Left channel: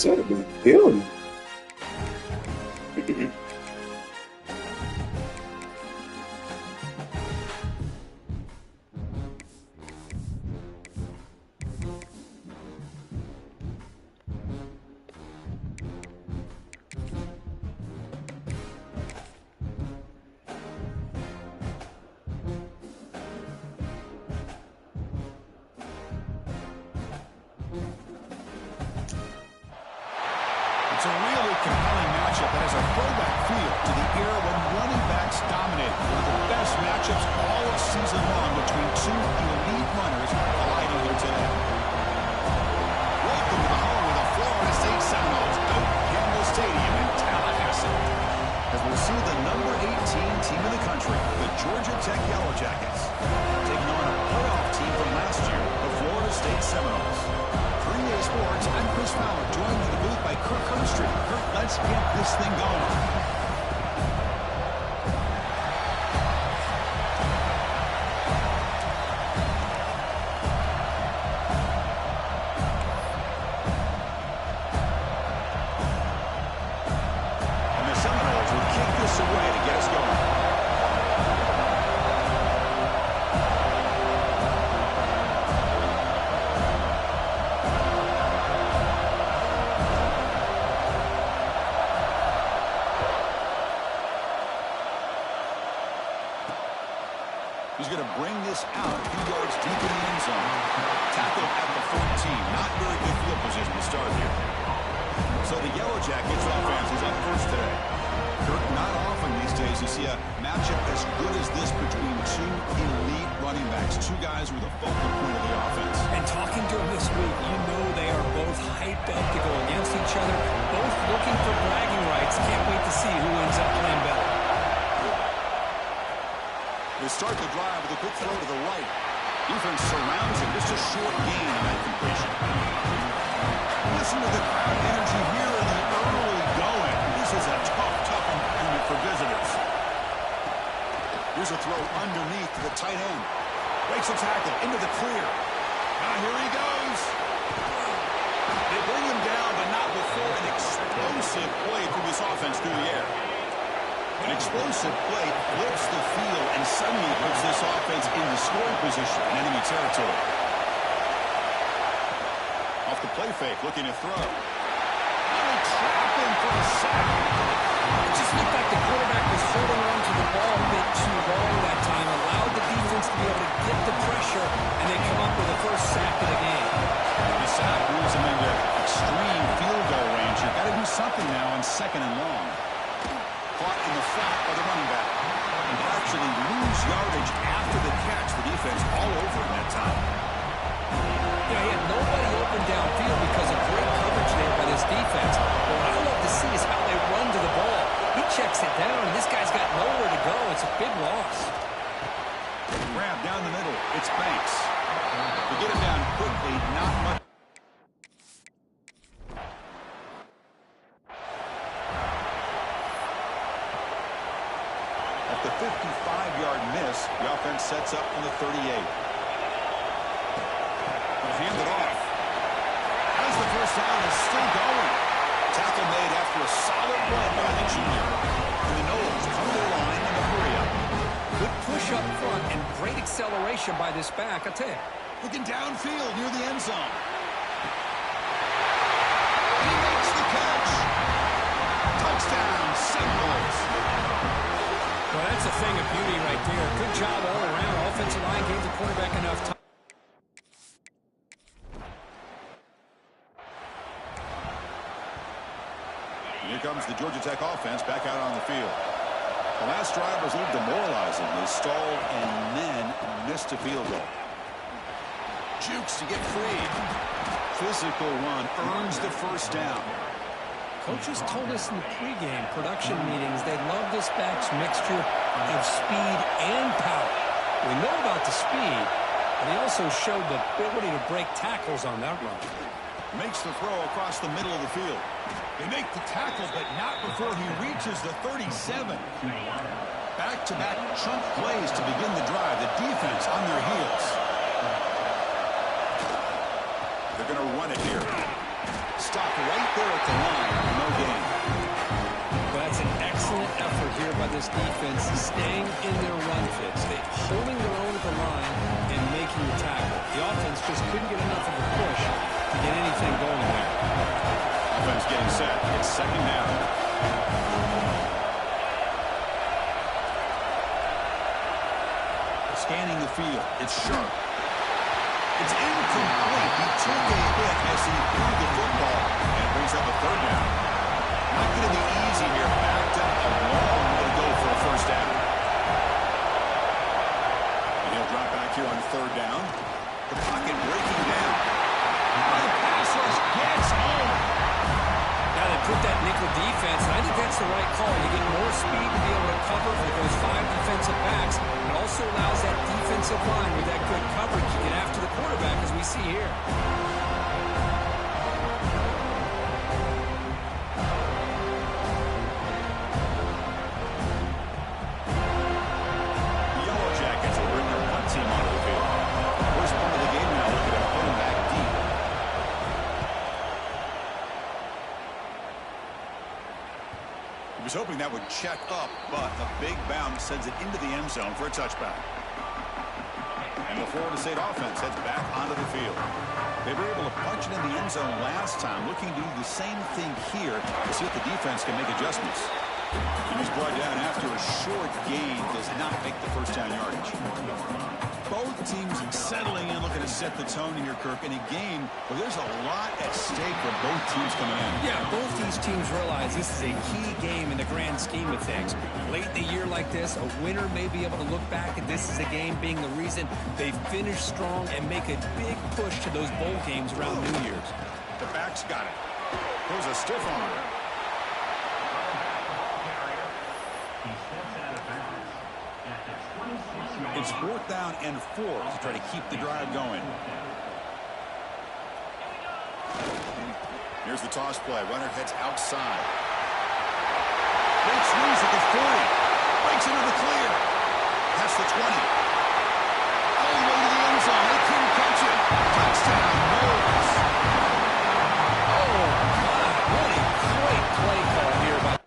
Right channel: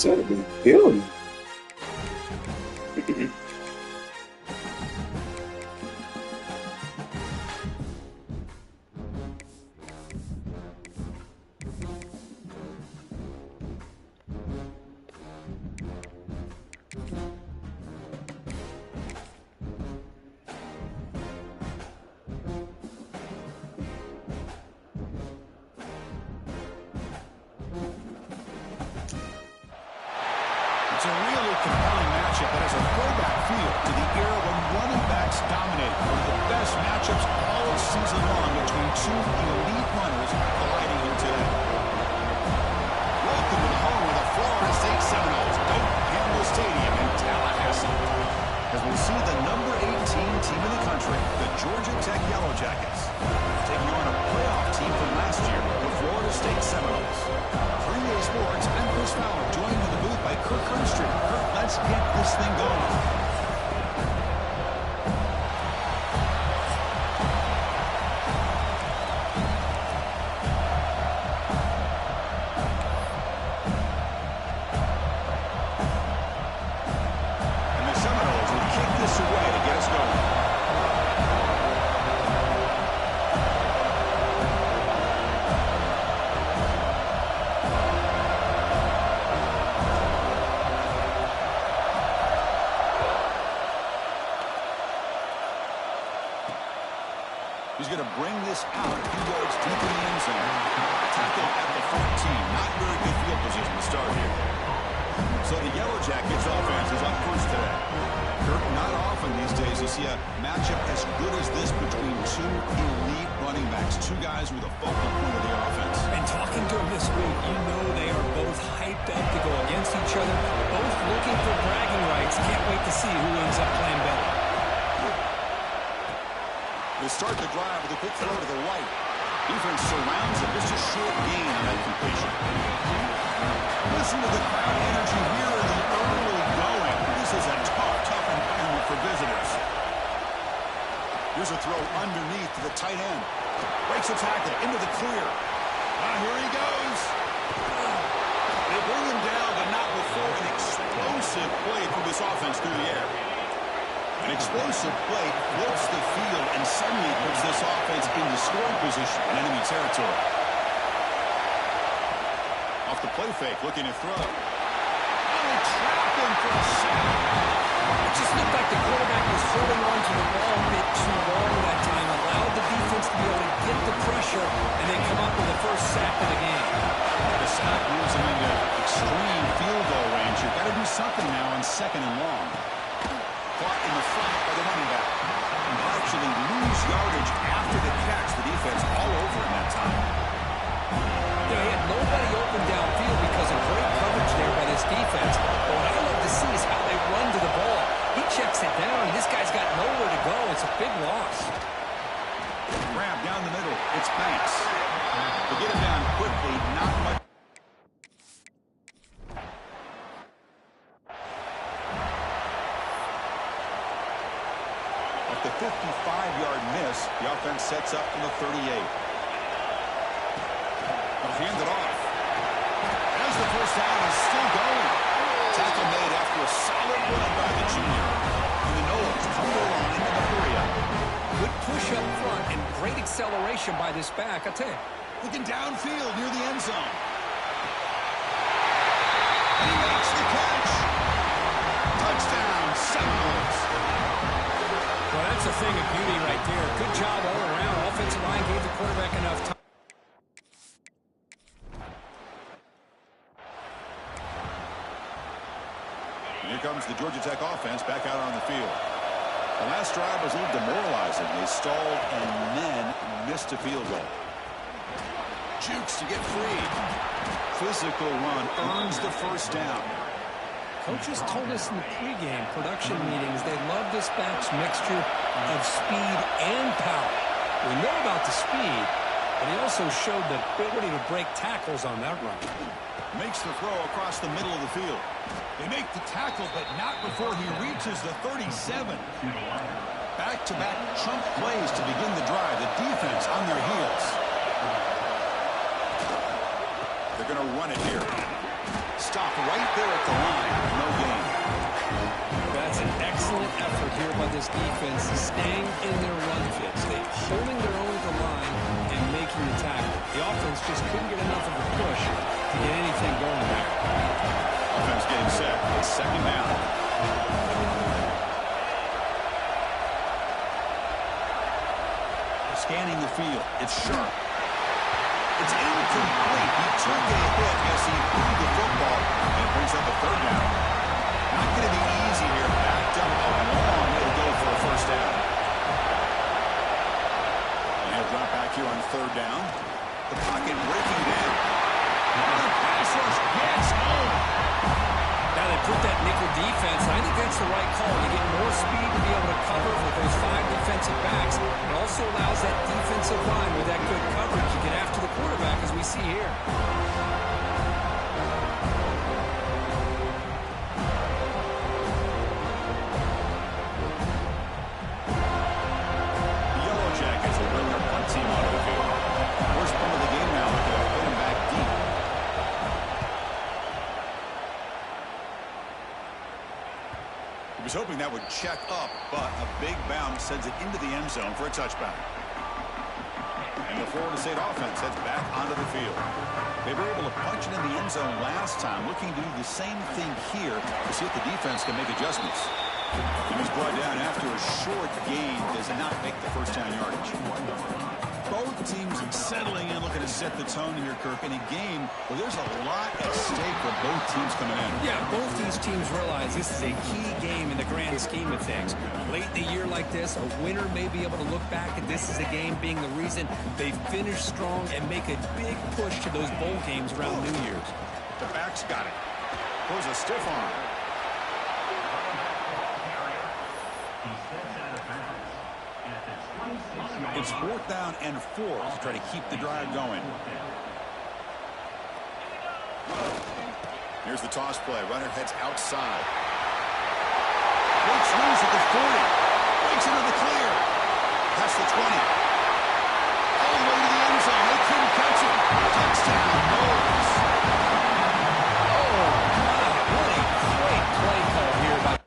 Should have been building. It's a really compelling matchup that has a throwback feel to the era when running backs dominated. One of the best matchups all season long between two elite runners colliding here today. Welcome to the home of the Florida State Seminoles, Doak Campbell Stadium in Tallahassee. As we'll see the number 18 team in the country, the Georgia Tech Yellow Jackets, taking on a playoff team from last year, the Florida State Seminoles. For EA Sports, I'm Chris Fowler, joined in the booth by Kirk Herbstreit. Kirk, let's get this thing going. And the Seminoles will kick this away to get us going. He's going to bring this out a few yards deep in the end zone. Tackle at the 14. Not very good field position to start here. So the Yellow Jackets offense is up first today. Kirk, not often these days you see a matchup as good as this between two elite running backs. Two guys who are the focal point of the offense. And talking to them this week, you know they are both hyped up to go against each other. Both looking for bragging rights. Can't wait to see who ends up playing better. They start the drive with a quick throw to the right. Defense surrounds him. Just a short gain on that completion. Listen to the crowd energy here in the early going. This is a tough environment for visitors. Here's a throw underneath to the tight end. Breaks a tackle into the clear. Now here he goes. They bring him down, but not before an explosive play through this offense through the air. An explosive play flips the field and suddenly puts this offense into scoring position in enemy territory. Off the play fake, looking to throw. Oh, they trap him for a sack. It just looked like the quarterback was holding on to the ball a bit too long that time, allowed the defense to be able to get the pressure, and then come up with the first sack of the game. The sack moves him into extreme field goal range. You've got to do something now on 2nd and long. Caught in the flat by the running back. And they actually lose yardage after the catch. The defense all over in that time. You know, he had nobody open downfield because of great coverage there by this defense. But what I love to see is how they run to the ball. He checks it down, and this guy's got nowhere to go. It's a big loss. Grab down the middle. It's Banks. To get him down quickly, not much. The 55-yard miss, the offense sets up from the 38. They'll hand it off. As the first down is still going. Tackle made after a solid run by the junior. And the Noles come to the line in the hurry up. Good push up front and great acceleration by this back, I tell you. Looking downfield near the end zone. And he makes the catch. Touchdown, Seminoles. Well, that's a thing of beauty right there. Good job all around. Offensive line gave the quarterback enough time. Here comes the Georgia Tech offense back out on the field. The last drive was a little demoralizing. They stalled and then missed a field goal. Jukes to get free. Physical run earns the first down. Coaches told us in the pregame production meetings they love this back's mixture of speed and power. We know about the speed, but he also showed the ability to break tackles on that run. Makes the throw across the middle of the field. They make the tackle, but not before he reaches the 37. Back-to-back chunk plays to begin the drive. The defense on their heels. They're going to run it here. Stopped right there at the line. No gain. That's an excellent effort here by this defense, staying in their run fits. They holding their own at the line and making the tackle. The offense just couldn't get enough of a push to get anything going there. Offense getting set. It's second down. Scanning the field. It's sharp. It's incomplete. He took a hit as he threw the football, and it brings up a third down. Not going to be easy here. Backed up a long way to go for a first down. And he'll drop back here on third down. The pocket breaking down. The pass rush gets home. Now they put that nickel defense, and I think that's the right call. You get more speed to be able to cover with those 5 defensive backs. It also allows that defensive line with that good coverage to get after the quarterback, as we see here. The Yellow Jackets will bring their punt team onto the field. First punt of the game now, looking at put him back deep. He was hoping that would check up, but a big bounce sends it into the end zone for a touchback. And the Florida State offense heads back onto the field. They were able to punch it in the end zone last time, looking to do the same thing here to see if the defense can make adjustments. And he's brought down after a short gain, does not make the first down yardage. Both teams settling in, looking to set the tone here, Kirk, in a game where there's a lot at stake for both teams coming in. Yeah, both these teams realize this is a key game in the grand scheme of things. Late in the year like this, a winner may be able to look back at this as a game being the reason they finish strong and make a big push to those bowl games around New Year's. The back's got it. Throws a stiff arm. It's 4th down and 4 to try to keep the drive going. Here's the toss play. Runner heads outside. Makes loose at the 40. Breaks into the clear. Past the 20. All the way to the end zone. They couldn't catch him. Touchdown, Knowles. Oh, my. What a great play call here by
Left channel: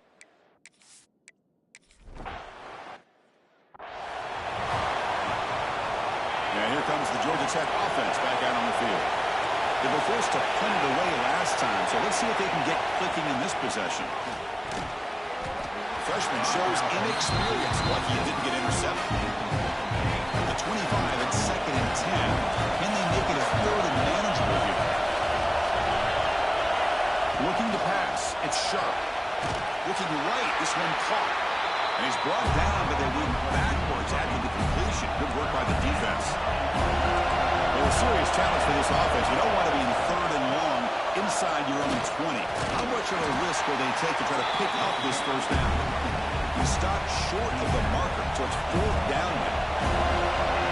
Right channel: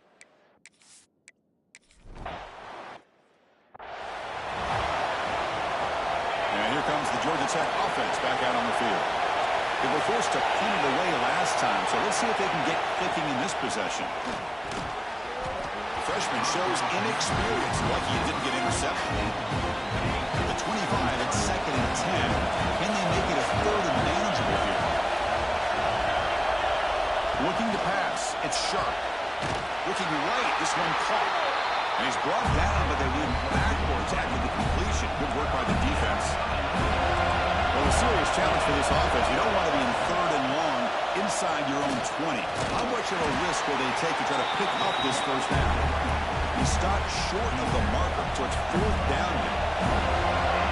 Here comes the Georgia Tech offense back out on the field. They were forced to punt it away last time, so let's see if they can get clicking in this possession. The freshman shows inexperience, lucky it didn't get intercepted. At the 25, it's 2nd and 10. Can they make it a 3rd and manageable here? Looking to pass. It's sharp. Looking right. This one caught. And he's brought down, but they went backwards after the completion. Good work by the defense. Well, a serious challenge for this offense. You don't want to be in 3rd and long inside your own 20. How much of a risk will they take to try to pick up this first down? He stopped short of the marker, so it's 4th down now.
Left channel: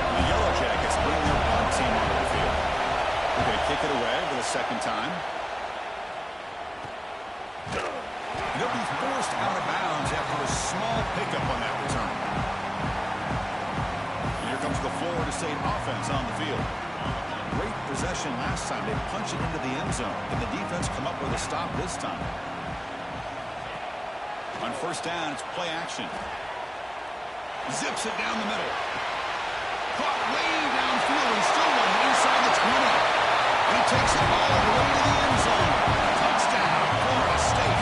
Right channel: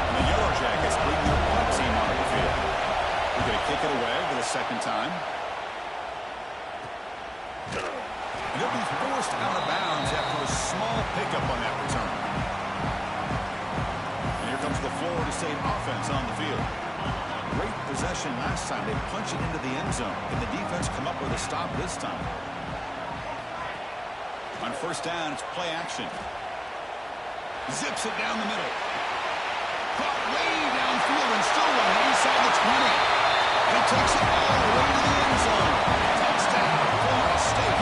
And the Yellow Jackets bring their punt team onto the field. They're going to kick it away for the second time. And he'll be forced out of bounds after a small pickup on that return. And here comes the Florida State offense on the field. Great possession last time. They punch it into the end zone. And the defense come up with a stop this time. On first down, it's play action. Zips it down the middle. Caught way downfield and still one inside the 20. And he takes it all the way to the end zone. Touchdown, Florida State.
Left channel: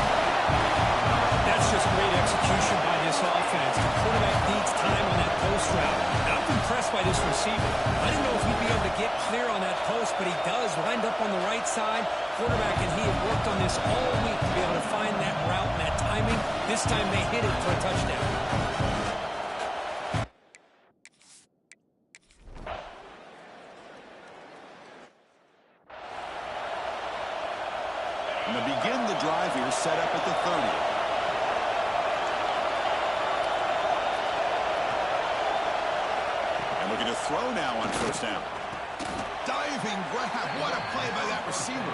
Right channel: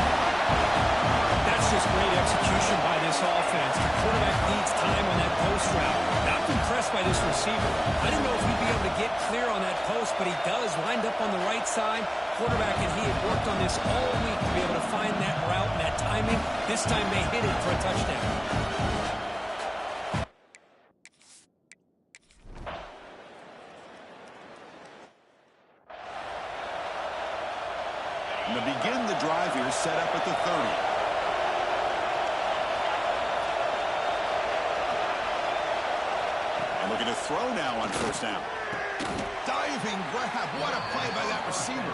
That's just great execution by this offense. The quarterback needs time on that post route. And I'm impressed by this receiver. I didn't know if he'd be able to get clear on that post, but he does. Lined up on the right side. Quarterback and he had worked on this all week to be able to find that route and that timing. This time they hit it for a touchdown. And to begin the drive here, set up at the 30. Looking to throw now on first down. Diving grab. What a play by that receiver.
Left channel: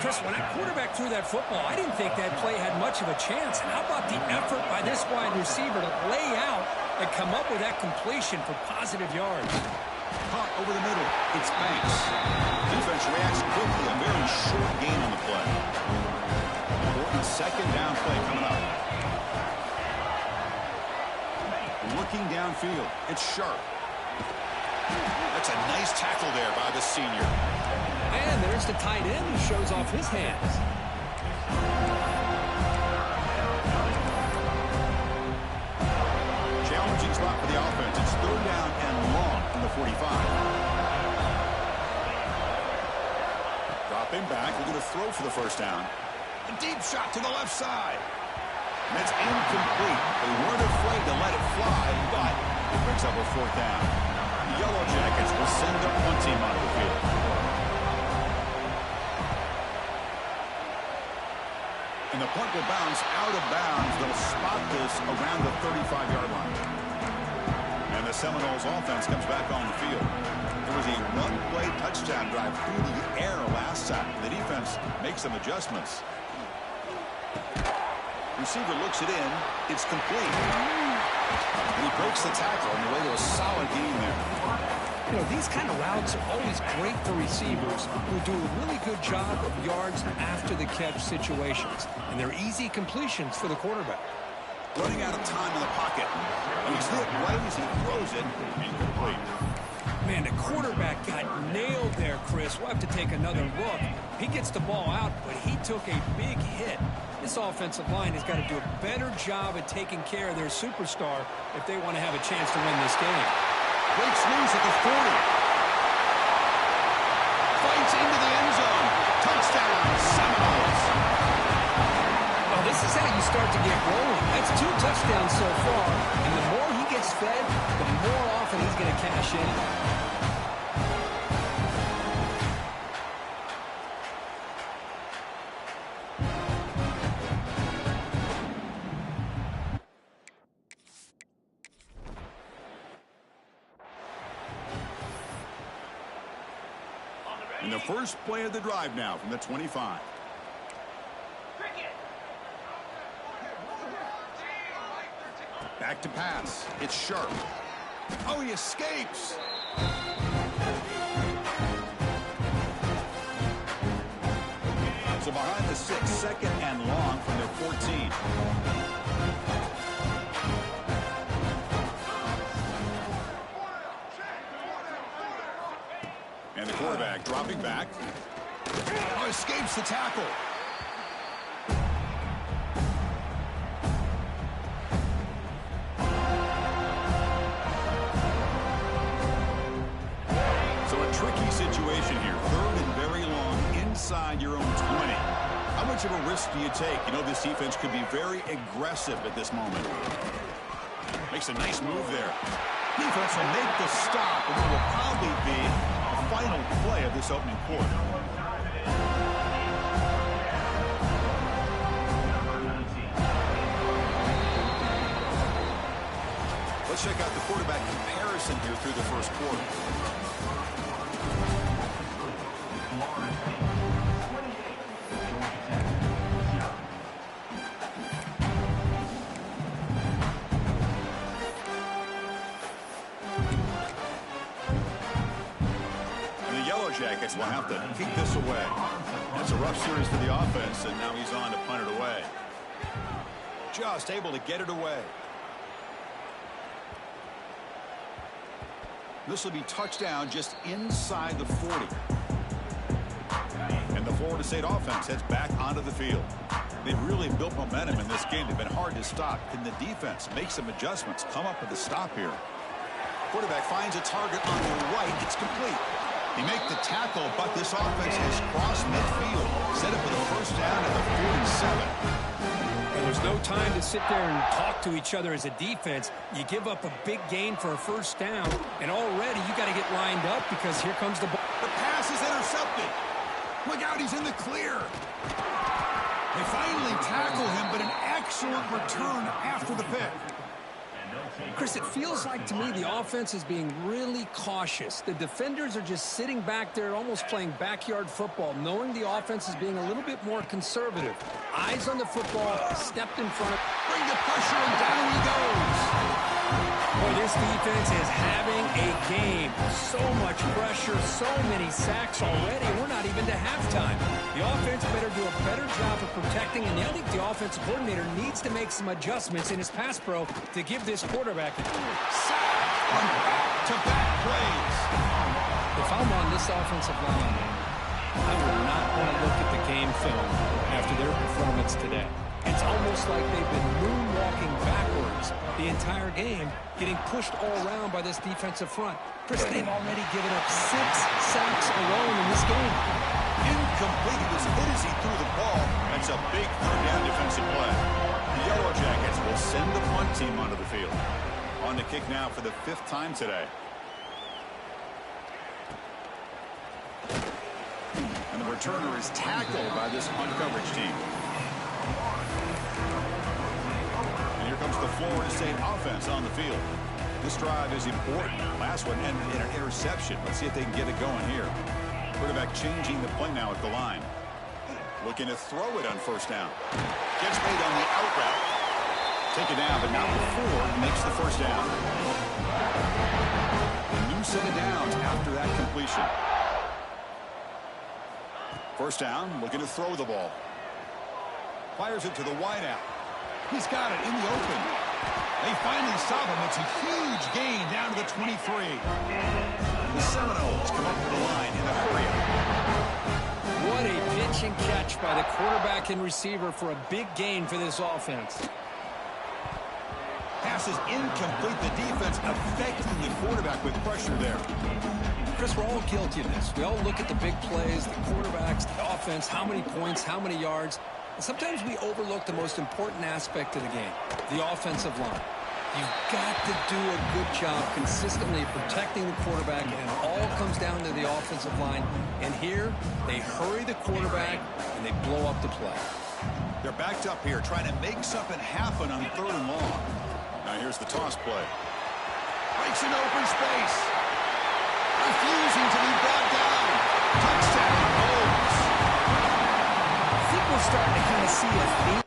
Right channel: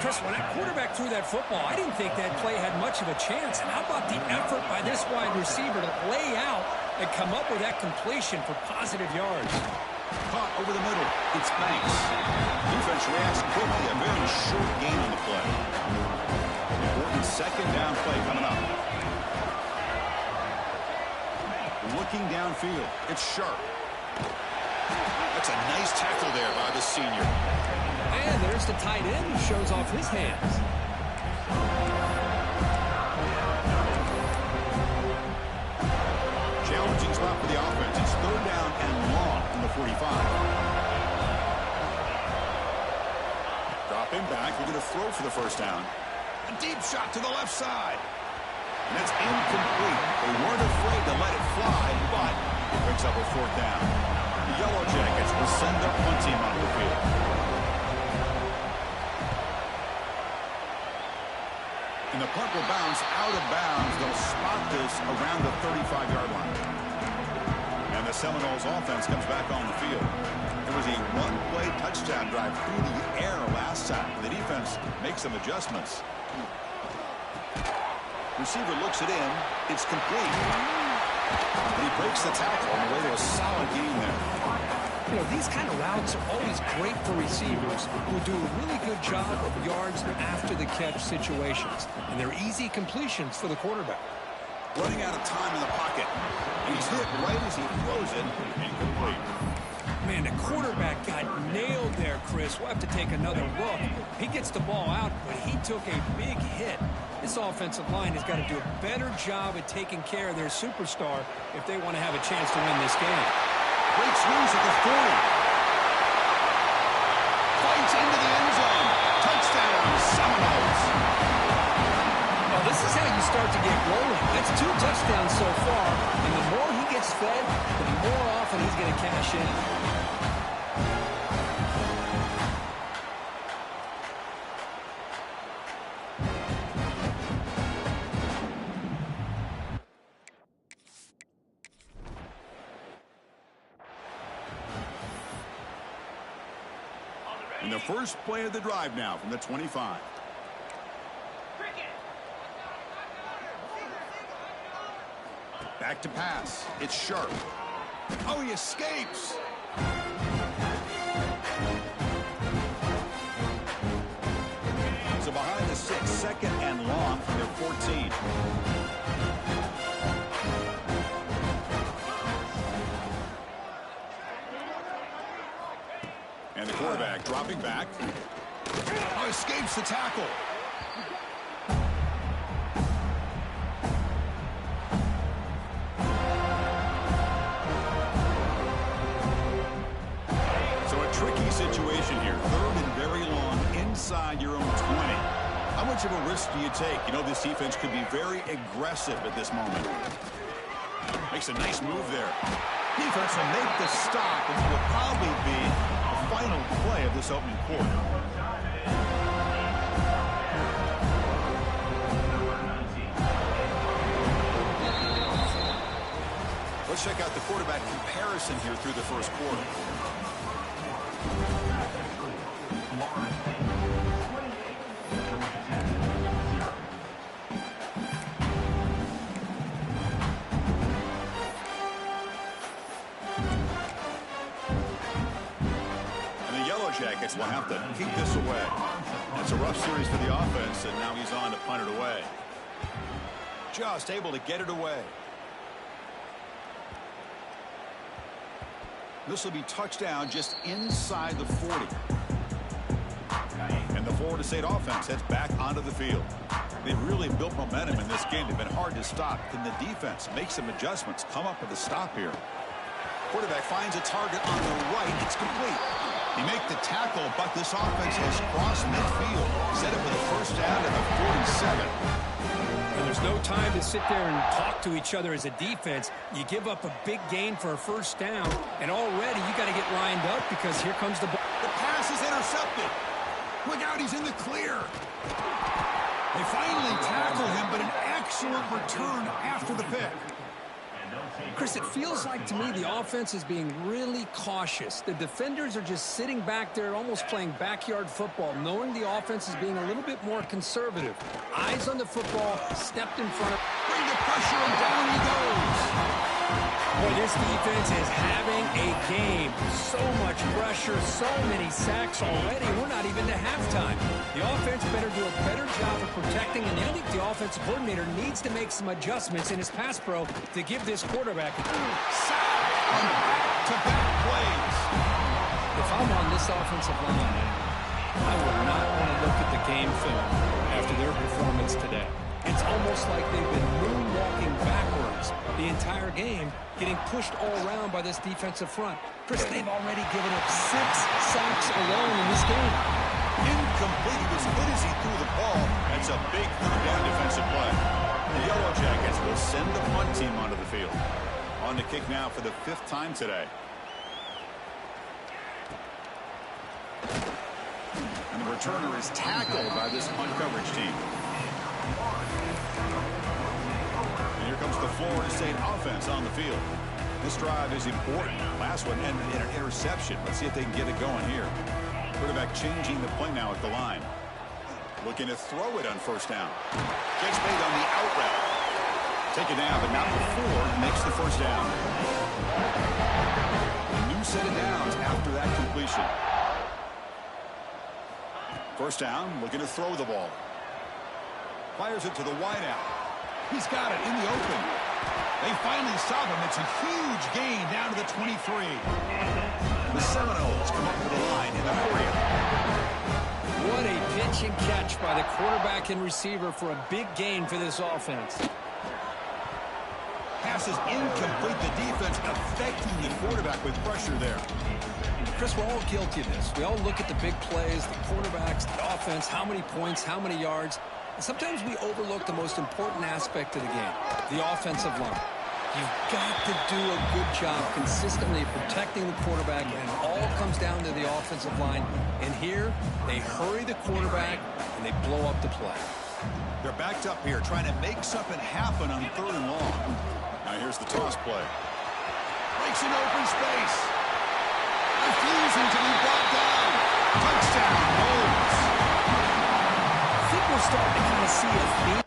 Chris, when that quarterback threw that football, I didn't think that play had much of a chance. And how about the effort by this wide receiver to lay out and come up with that completion for positive yards? Caught over the middle. It's Banks. Defense reacts quickly. A very short gain on the play. Important second down play coming up. Looking downfield. It's Sharp. That's a nice tackle there by the senior. And there's the tight end who shows off his hands. Challenging spot for the offense. It's third down and long from the 45. Dropping back. Looking to throw for the first down. A deep shot to the left side. And that's incomplete. They weren't afraid to let it fly, but it picks up a fourth down. The Yellow Jackets will send their punt team onto the field. And the punt will bounce out of bounds. They'll spot this around the 35-yard line. And the Seminoles offense comes back on the field. There was a one-play touchdown drive through the air last time. The defense makes some adjustments. Receiver looks it in. It's complete. And he breaks the tackle on the way to a solid gain there. You know, these kind of routes are always great for receivers who do a really good job of yards after the catch situations. And they're easy completions for the quarterback. Running out of time in the pocket. And he's hit right as he throws it. Incomplete. Man, the quarterback got nailed there, Chris. We'll have to take another look. He gets the ball out, but he took a big hit. This offensive line has got to do a better job at taking care of their superstar if they want to have a chance to win this game. Breaks loose at the 40. Fights into the end zone. Touchdown, Seminoles. Well, this is how you start to get rolling. That's 2 touchdowns so far, and the more he gets fed, the more often he's going to cash in. And the first play of the drive now from the 25. Back to pass. It's Sharp. Oh, he escapes. So behind the 6, second and long from their 14. And the quarterback dropping back. Oh, escapes the tackle. So a tricky situation here. Third and very long inside your own 20. How much of a risk do you take? You know, this defense could be very aggressive at this moment. Makes a nice move there. Defense will make the stop, and it will probably be the final play of this opening quarter. Let's check out the quarterback comparison here through the first quarter. Jackets will have to keep this away. It's a rough series for the offense, and now he's on to punt it away. Just able to get it away. This will be touchdown just inside the 40. And the Florida State offense heads back onto the field. They've really built momentum in this game. They've been hard to stop. Can the defense make some adjustments, come up with a stop here? Quarterback finds a target on the right. It's complete. He make the tackle, but this offense has crossed midfield. Set up for the first down at the 47. And there's no time to sit there and talk to each other as a defense. You give up a big gain for a first down, and already you got to get lined up because here comes the ball. The pass is intercepted. Look out, he's in the clear. They finally tackle him, but an excellent return after the pick. Chris, it feels like to me the offense is being really cautious. The defenders are just sitting back there almost playing backyard football, knowing the offense is being a little bit more conservative. Eyes on the football, stepped in front of... Bring the pressure, and down he goes. Boy, this defense is having a game. So much pressure, so many sacks already. We're not even to halftime. The offense better do a better job of protecting, and I think the offensive coordinator needs to make some adjustments in his pass pro to give this quarterback a sack on back-to-back plays. If I'm on this offensive line, I would not want to look at the game film after their performance today. It's almost like they've been moonwalking backwards the entire game, getting pushed all around by this defensive front. Chris, they've already given up 6 sacks alone in this game. Incomplete. He was hit as he threw the ball. That's a big third down defensive play. The Yellow Jackets will send the punt team onto the field. On the kick now for the 5th time today. And the returner is tackled by this punt coverage team. And here comes the Florida State offense on the field. This drive is important. Last one ended in an interception. Let's see if they can get it going here. Quarterback changing the play now at the line. Looking to throw it on 1st down. Gets made on the out route. Take it down, but not before he makes the 1st down. A new set of downs after that completion. 1st down, looking to throw the ball. Fires it to the wideout. He's got it in the open. They finally stop him. It's a huge gain down to the 23. The Seminoles come up to the line in the hurry-up. What a pitch and catch by the quarterback and receiver for a big gain for this offense. Pass is incomplete. The defense affecting the quarterback with pressure there. Chris, we're all guilty of this. We all look at the big plays, the quarterbacks, the offense, how many points, how many yards. And sometimes we overlook the most important aspect of the game, the offensive line. You've got to do a good job consistently protecting the quarterback, and it all comes down to the offensive line. And here, they hurry the quarterback, and they blow up the play. They're backed up here, trying to make something happen on 3rd and long. Now here's the toss play. Breaks an open space. Refusing to be brought down. Touchdown, Bulls. I think we're starting to kind of see a theme.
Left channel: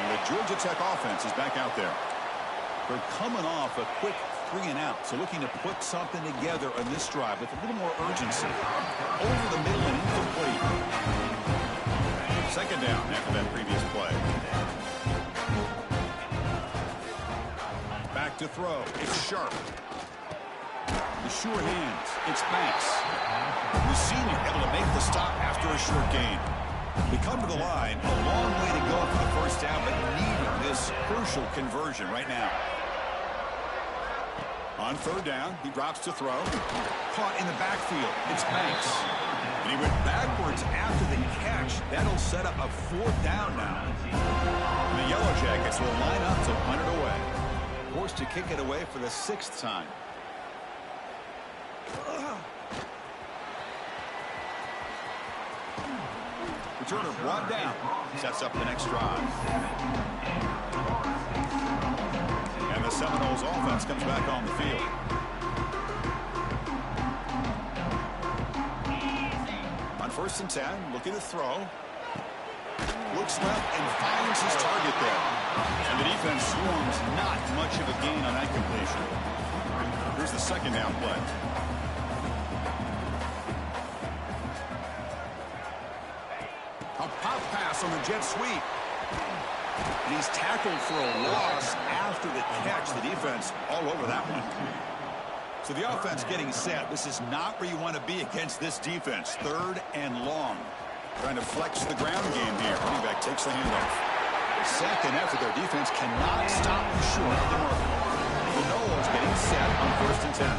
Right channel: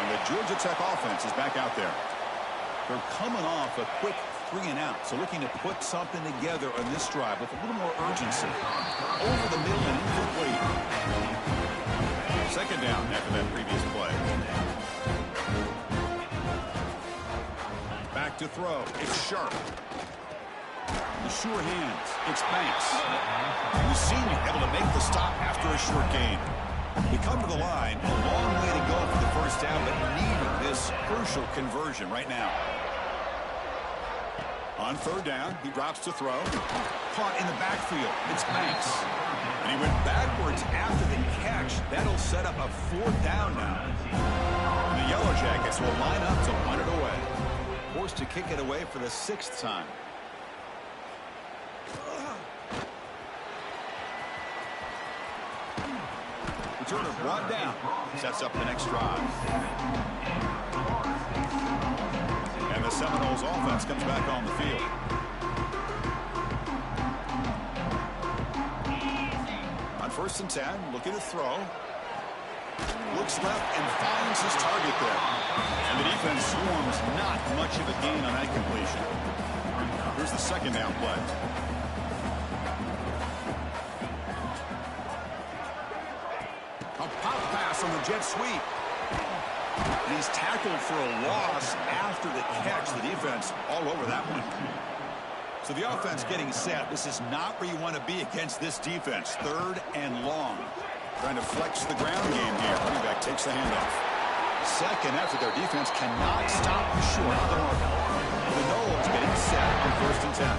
And the Georgia Tech offense is back out there. They're coming off a quick 3-and-out, so looking to put something together on this drive with a little more urgency. Over the middle and incomplete. 2nd down after that previous play. Back to throw. It's Sharp. The sure hands. It's Banks. The senior able to make the stop after a short gain. We come to the line. A long way to go for the 1st down, but needing this crucial conversion right now. On 3rd down, he drops to throw. Caught in the backfield. It's Banks. And he went backwards after the catch. That'll set up a 4th down now. And the Yellow Jackets will line up to punt it away. Forced to kick it away for the 6th time. Returner brought down. Sets up the next drive. And the Seminoles offense comes back on the field. On 1st and 10, looking to throw. Looks left and finds his target there. And the defense swarms not much of a gain on that completion. Here's the 2nd down play. A pop pass on the jet sweep. And he's tackled for a loss after the catch. The defense all over that one. So the offense getting set. This is not where you want to be against this defense. 3rd and long. Trying to flex the ground game here. Running back takes the handoff. 2nd effort. Their defense cannot stop short of the mark. The Noles getting set on 1st and 10.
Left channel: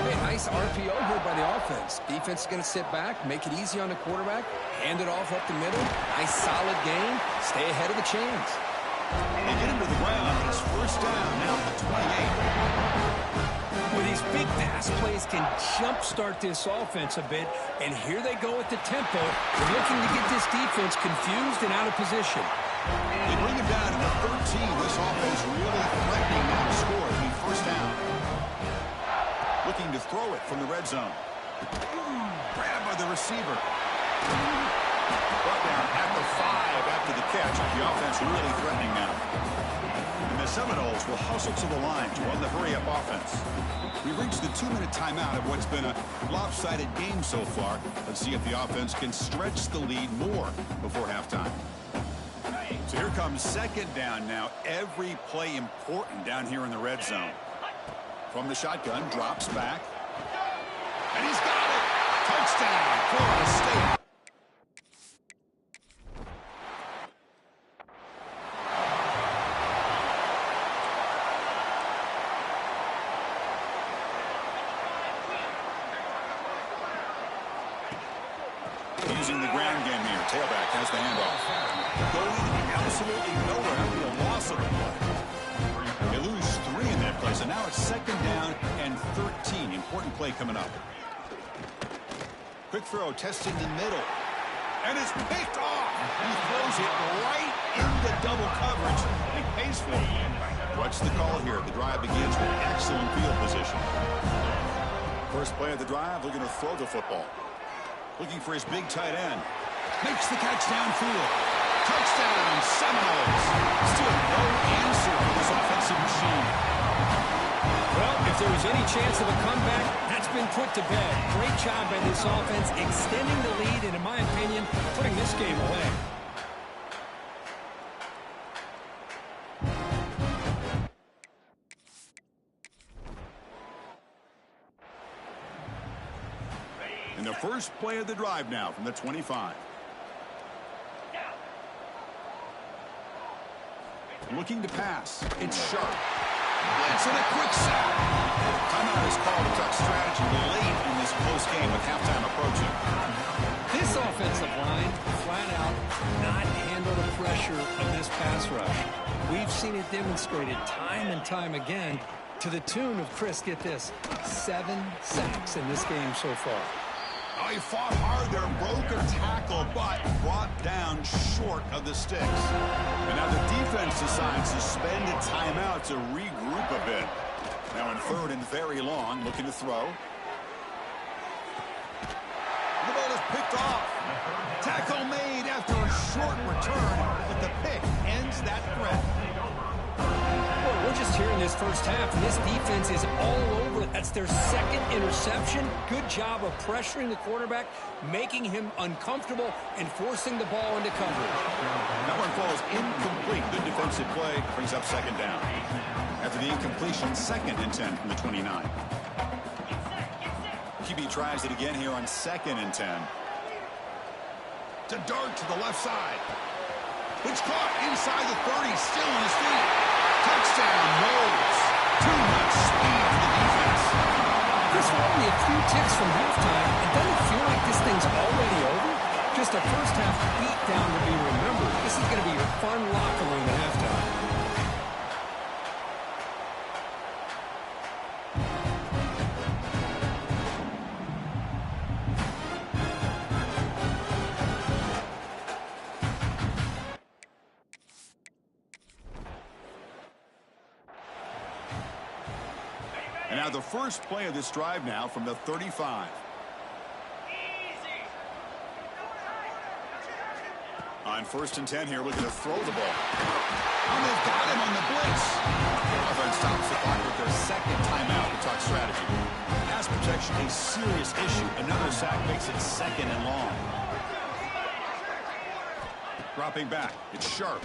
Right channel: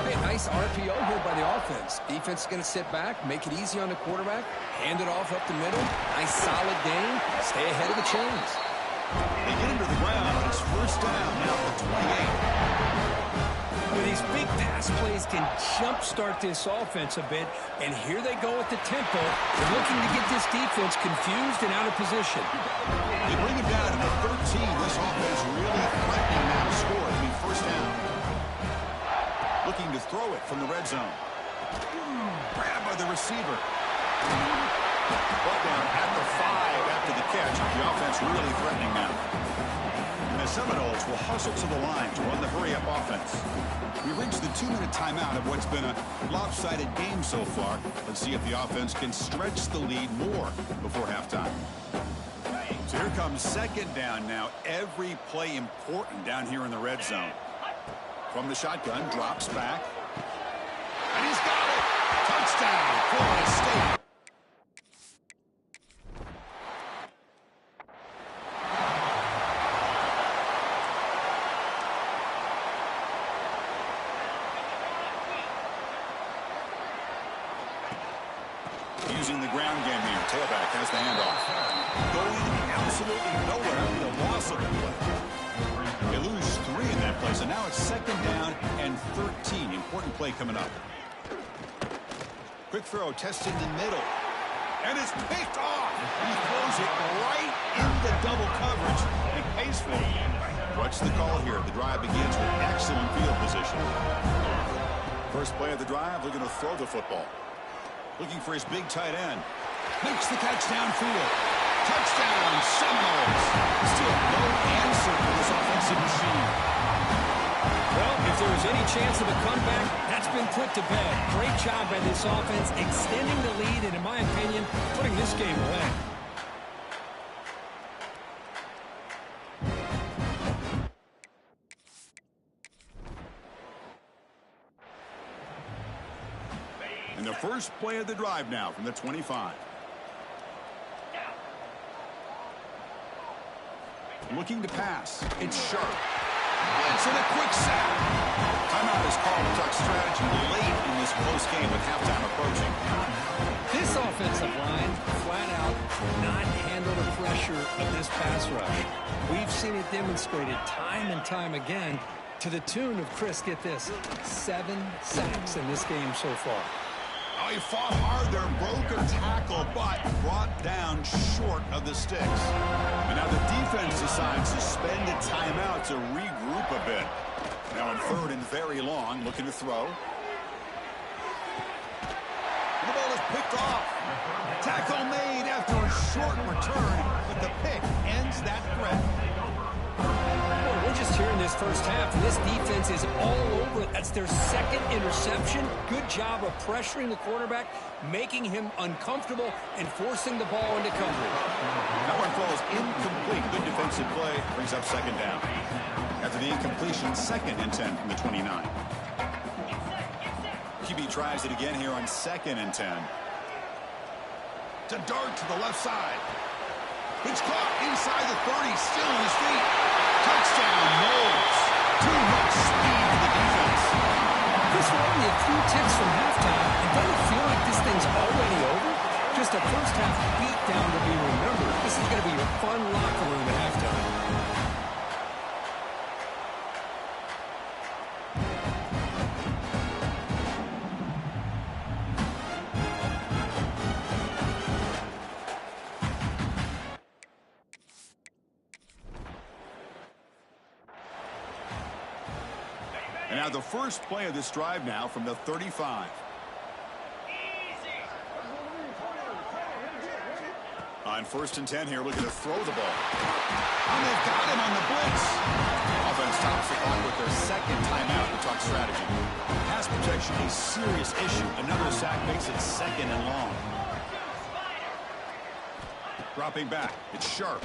Hey, nice RPO here by the offense. Defense is going to sit back, make it easy on the quarterback, hand it off up the middle. Nice solid game. Stay ahead of the chains. They get him to the ground, but it's 1st down now at the 28. Well, these big pass plays can jumpstart this offense a bit, and here they go at the tempo. They're looking to get this defense confused and out of position. They bring him down to the 13. This offense really threatening now to score. It'll be 1st down. Looking to throw it from the red zone. Grabbed by the receiver. Brought down at the 5 after the catch. The offense really threatening now. And the Seminoles will hustle to the line to run the hurry-up offense. We've reached the 2-minute timeout of what's been a lopsided game so far. Let's see if the offense can stretch the lead more before halftime. So here comes second down now. Every play important down here in the red zone. From the shotgun, drops back. And he's got it! Touchdown, Florida State. Using the ground game here. Tailback has the handoff. Going absolutely nowhere. That would be a loss of the play. They lose 3 in that play, so now it's second down and 13. Important play coming up. Quick throw, testing the middle. And it's picked off. He throws it right into double coverage. He pays for it. What's the call here? The drive begins with excellent field position. First play of the drive, looking to throw the football. Looking for his big tight end. Makes the catch downfield. Touchdown, Seminoles. Still no answer for this offensive machine. Well, if there was any chance of a comeback, that's been put to bed. Great job by this offense extending the lead and, in my opinion, putting this game away. And the first play of the drive now from the 25. Looking to pass. It's sharp. Blitz and a quick sack. Timeout is called to talk strategy late in this close game with halftime approaching. This offensive line, flat out, not handle the pressure of this pass rush. We've seen it demonstrated time and time again to the tune of, Chris, get this, 7 sacks in this game so far. Oh, he fought hard there, broke a tackle, but brought down short of the sticks. And now the defense decides to spend a timeout to regroup a bit. Now in third and very long, looking to throw. The ball is picked off. Tackle made after a short return, but the pick ends that threat. Well, we're just here in this first half, and this defense is all over it. That's their second interception. Good job of pressuring the quarterback, making him uncomfortable, and forcing the ball into coverage. That one falls incomplete. Good defensive play. Brings up second down. After the incompletion, 2nd and 10 from the 29. QB tries it again here on 2nd and 10. To dart to the left side. It's caught inside the 30, still on his feet. Touchdown, Knowles. Too much speed for the defense. Chris, we're only a few ticks from halftime, and doesn't it feel like this thing's already over? Just a first half beatdown to be remembered. This is going to be your fun locker room at halftime. And now the first play of this drive now from the 35. On 1st and 10 here, looking to throw the ball. And they've got him on the blitz. Offense stops the clock with their 2nd timeout to talk strategy. Pass protection, a serious issue. Another sack makes it 2nd and long. Dropping back, it's sharp.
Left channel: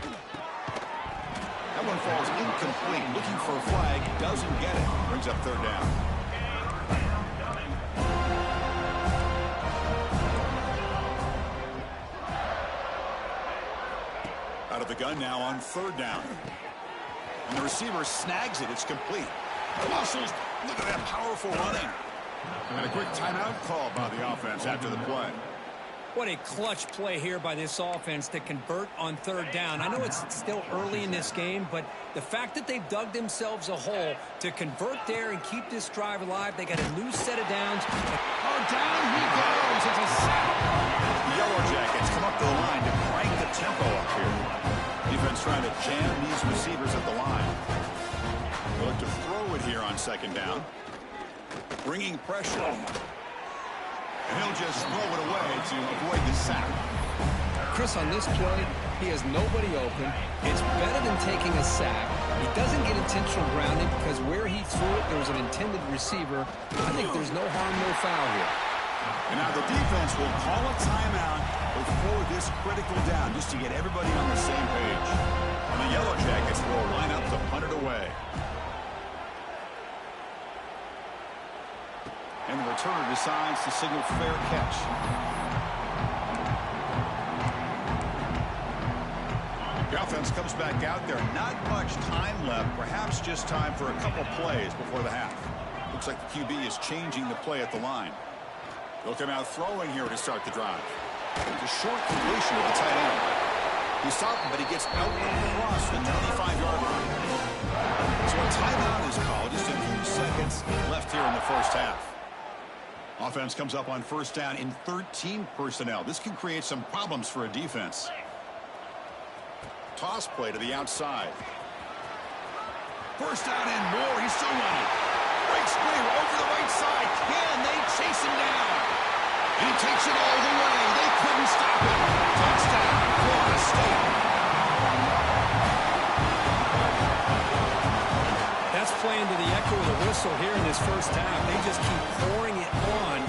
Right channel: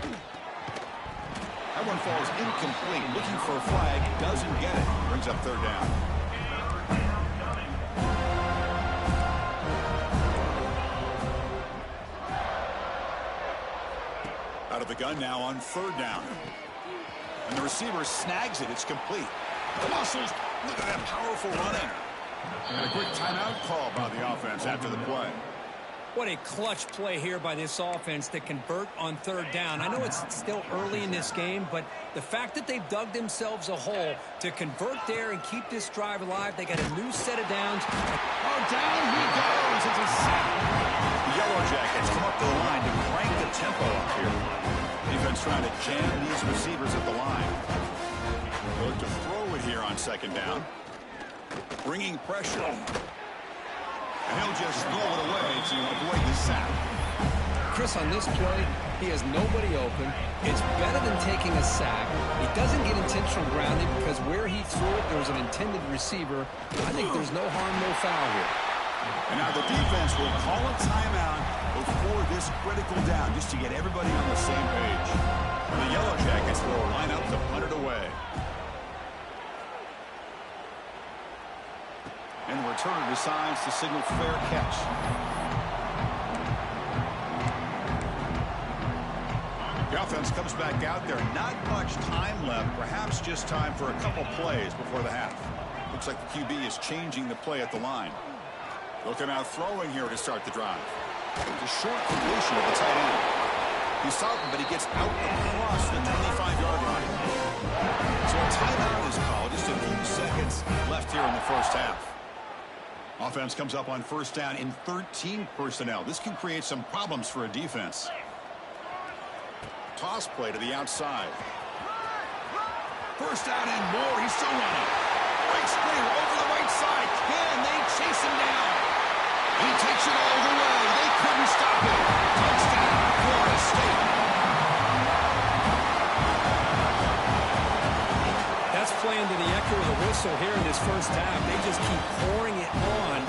That one falls incomplete. Looking for a flag, doesn't get it. Brings up 3rd down. Out of the gun now on 3rd down. And the receiver snags it. It's complete. The muscles, look at that powerful running. And a quick timeout call by the offense after the play. What a clutch play here by this offense to convert on 3rd down. I know it's still early in this game, but the fact that they've dug themselves a hole to convert there and keep this drive alive, they got a new set of downs. Oh, down he goes. It's a sack. The Yellow Jackets come up to the line to crank the tempo up here. Defense trying to jam these receivers at the line. They look to throw it here on 2nd down. Bringing pressure. And he'll just throw it away to avoid the sack. Chris, on this play, he has nobody open. It's better than taking a sack. He doesn't get intentional grounding because where he threw it, there was an intended receiver. I think there's no harm, no foul here. And now the defense will call a timeout before this critical down, just to get everybody on the same page. And the Yellow Jackets will line up to punt it away. And the returner decides to signal fair catch. The offense comes back out there. Not much time left. Perhaps just time for a couple plays before the half. Looks like the QB is changing the play at the line. They'll come out throwing here to start the drive. It's a short completion of the tight end. He's stopping, but he gets out across the 25-yard line. So a timeout is called. Just a few seconds left here in the first half. Offense comes up on first down in 13 personnel. This can create some problems for a defense. Toss play to the outside. First down and more. He's still running. Breaks clear over the right side. Can they chase him down? And he takes it all the way. They couldn't stop him. Touchdown, Florida State. That's playing to the echo of the whistle here in this first half. They just keep pouring it on.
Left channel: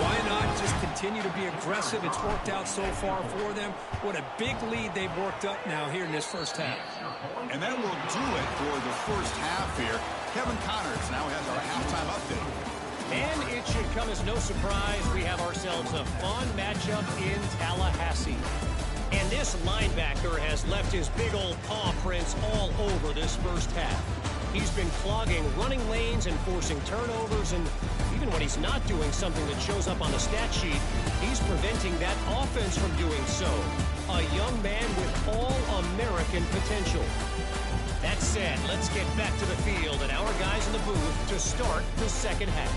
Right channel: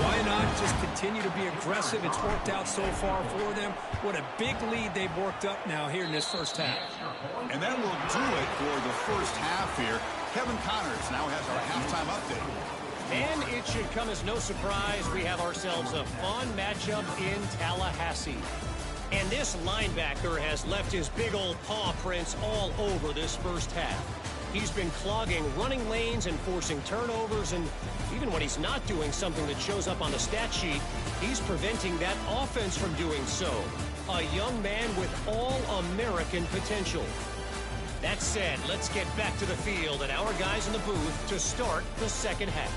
Why not just continue to be aggressive? It's worked out so far for them. What a big lead they've worked up now here in this first half. And that will do it for the first half here. Kevin Connors now has our halftime update. And it should come as no surprise we have ourselves a fun matchup in Tallahassee. And this linebacker has left his big old paw prints all over this first half. He's been clogging running lanes and forcing turnovers, and even when he's not doing something that shows up on the stat sheet, he's preventing that offense from doing so. A young man with all-American potential. That said, let's get back to the field and our guys in the booth to start the second half.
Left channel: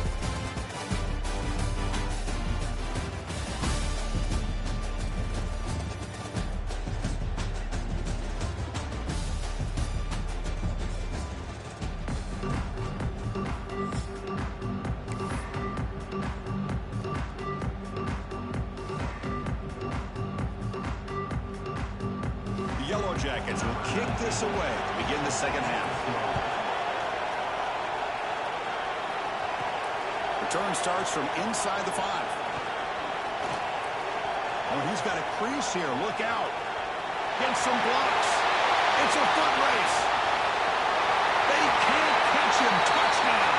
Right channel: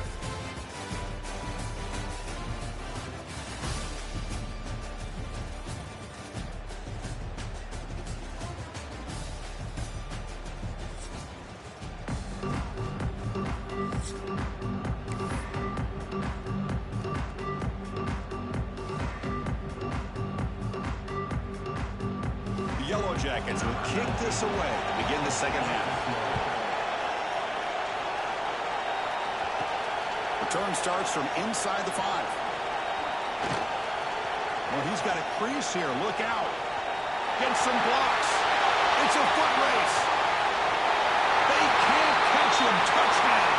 Yellow Jackets will kick this away to begin the second half. Return starts from inside the 5. Oh, he's got a crease here. Look out. Gets some blocks. It's a foot race. They can't catch him. Touchdown.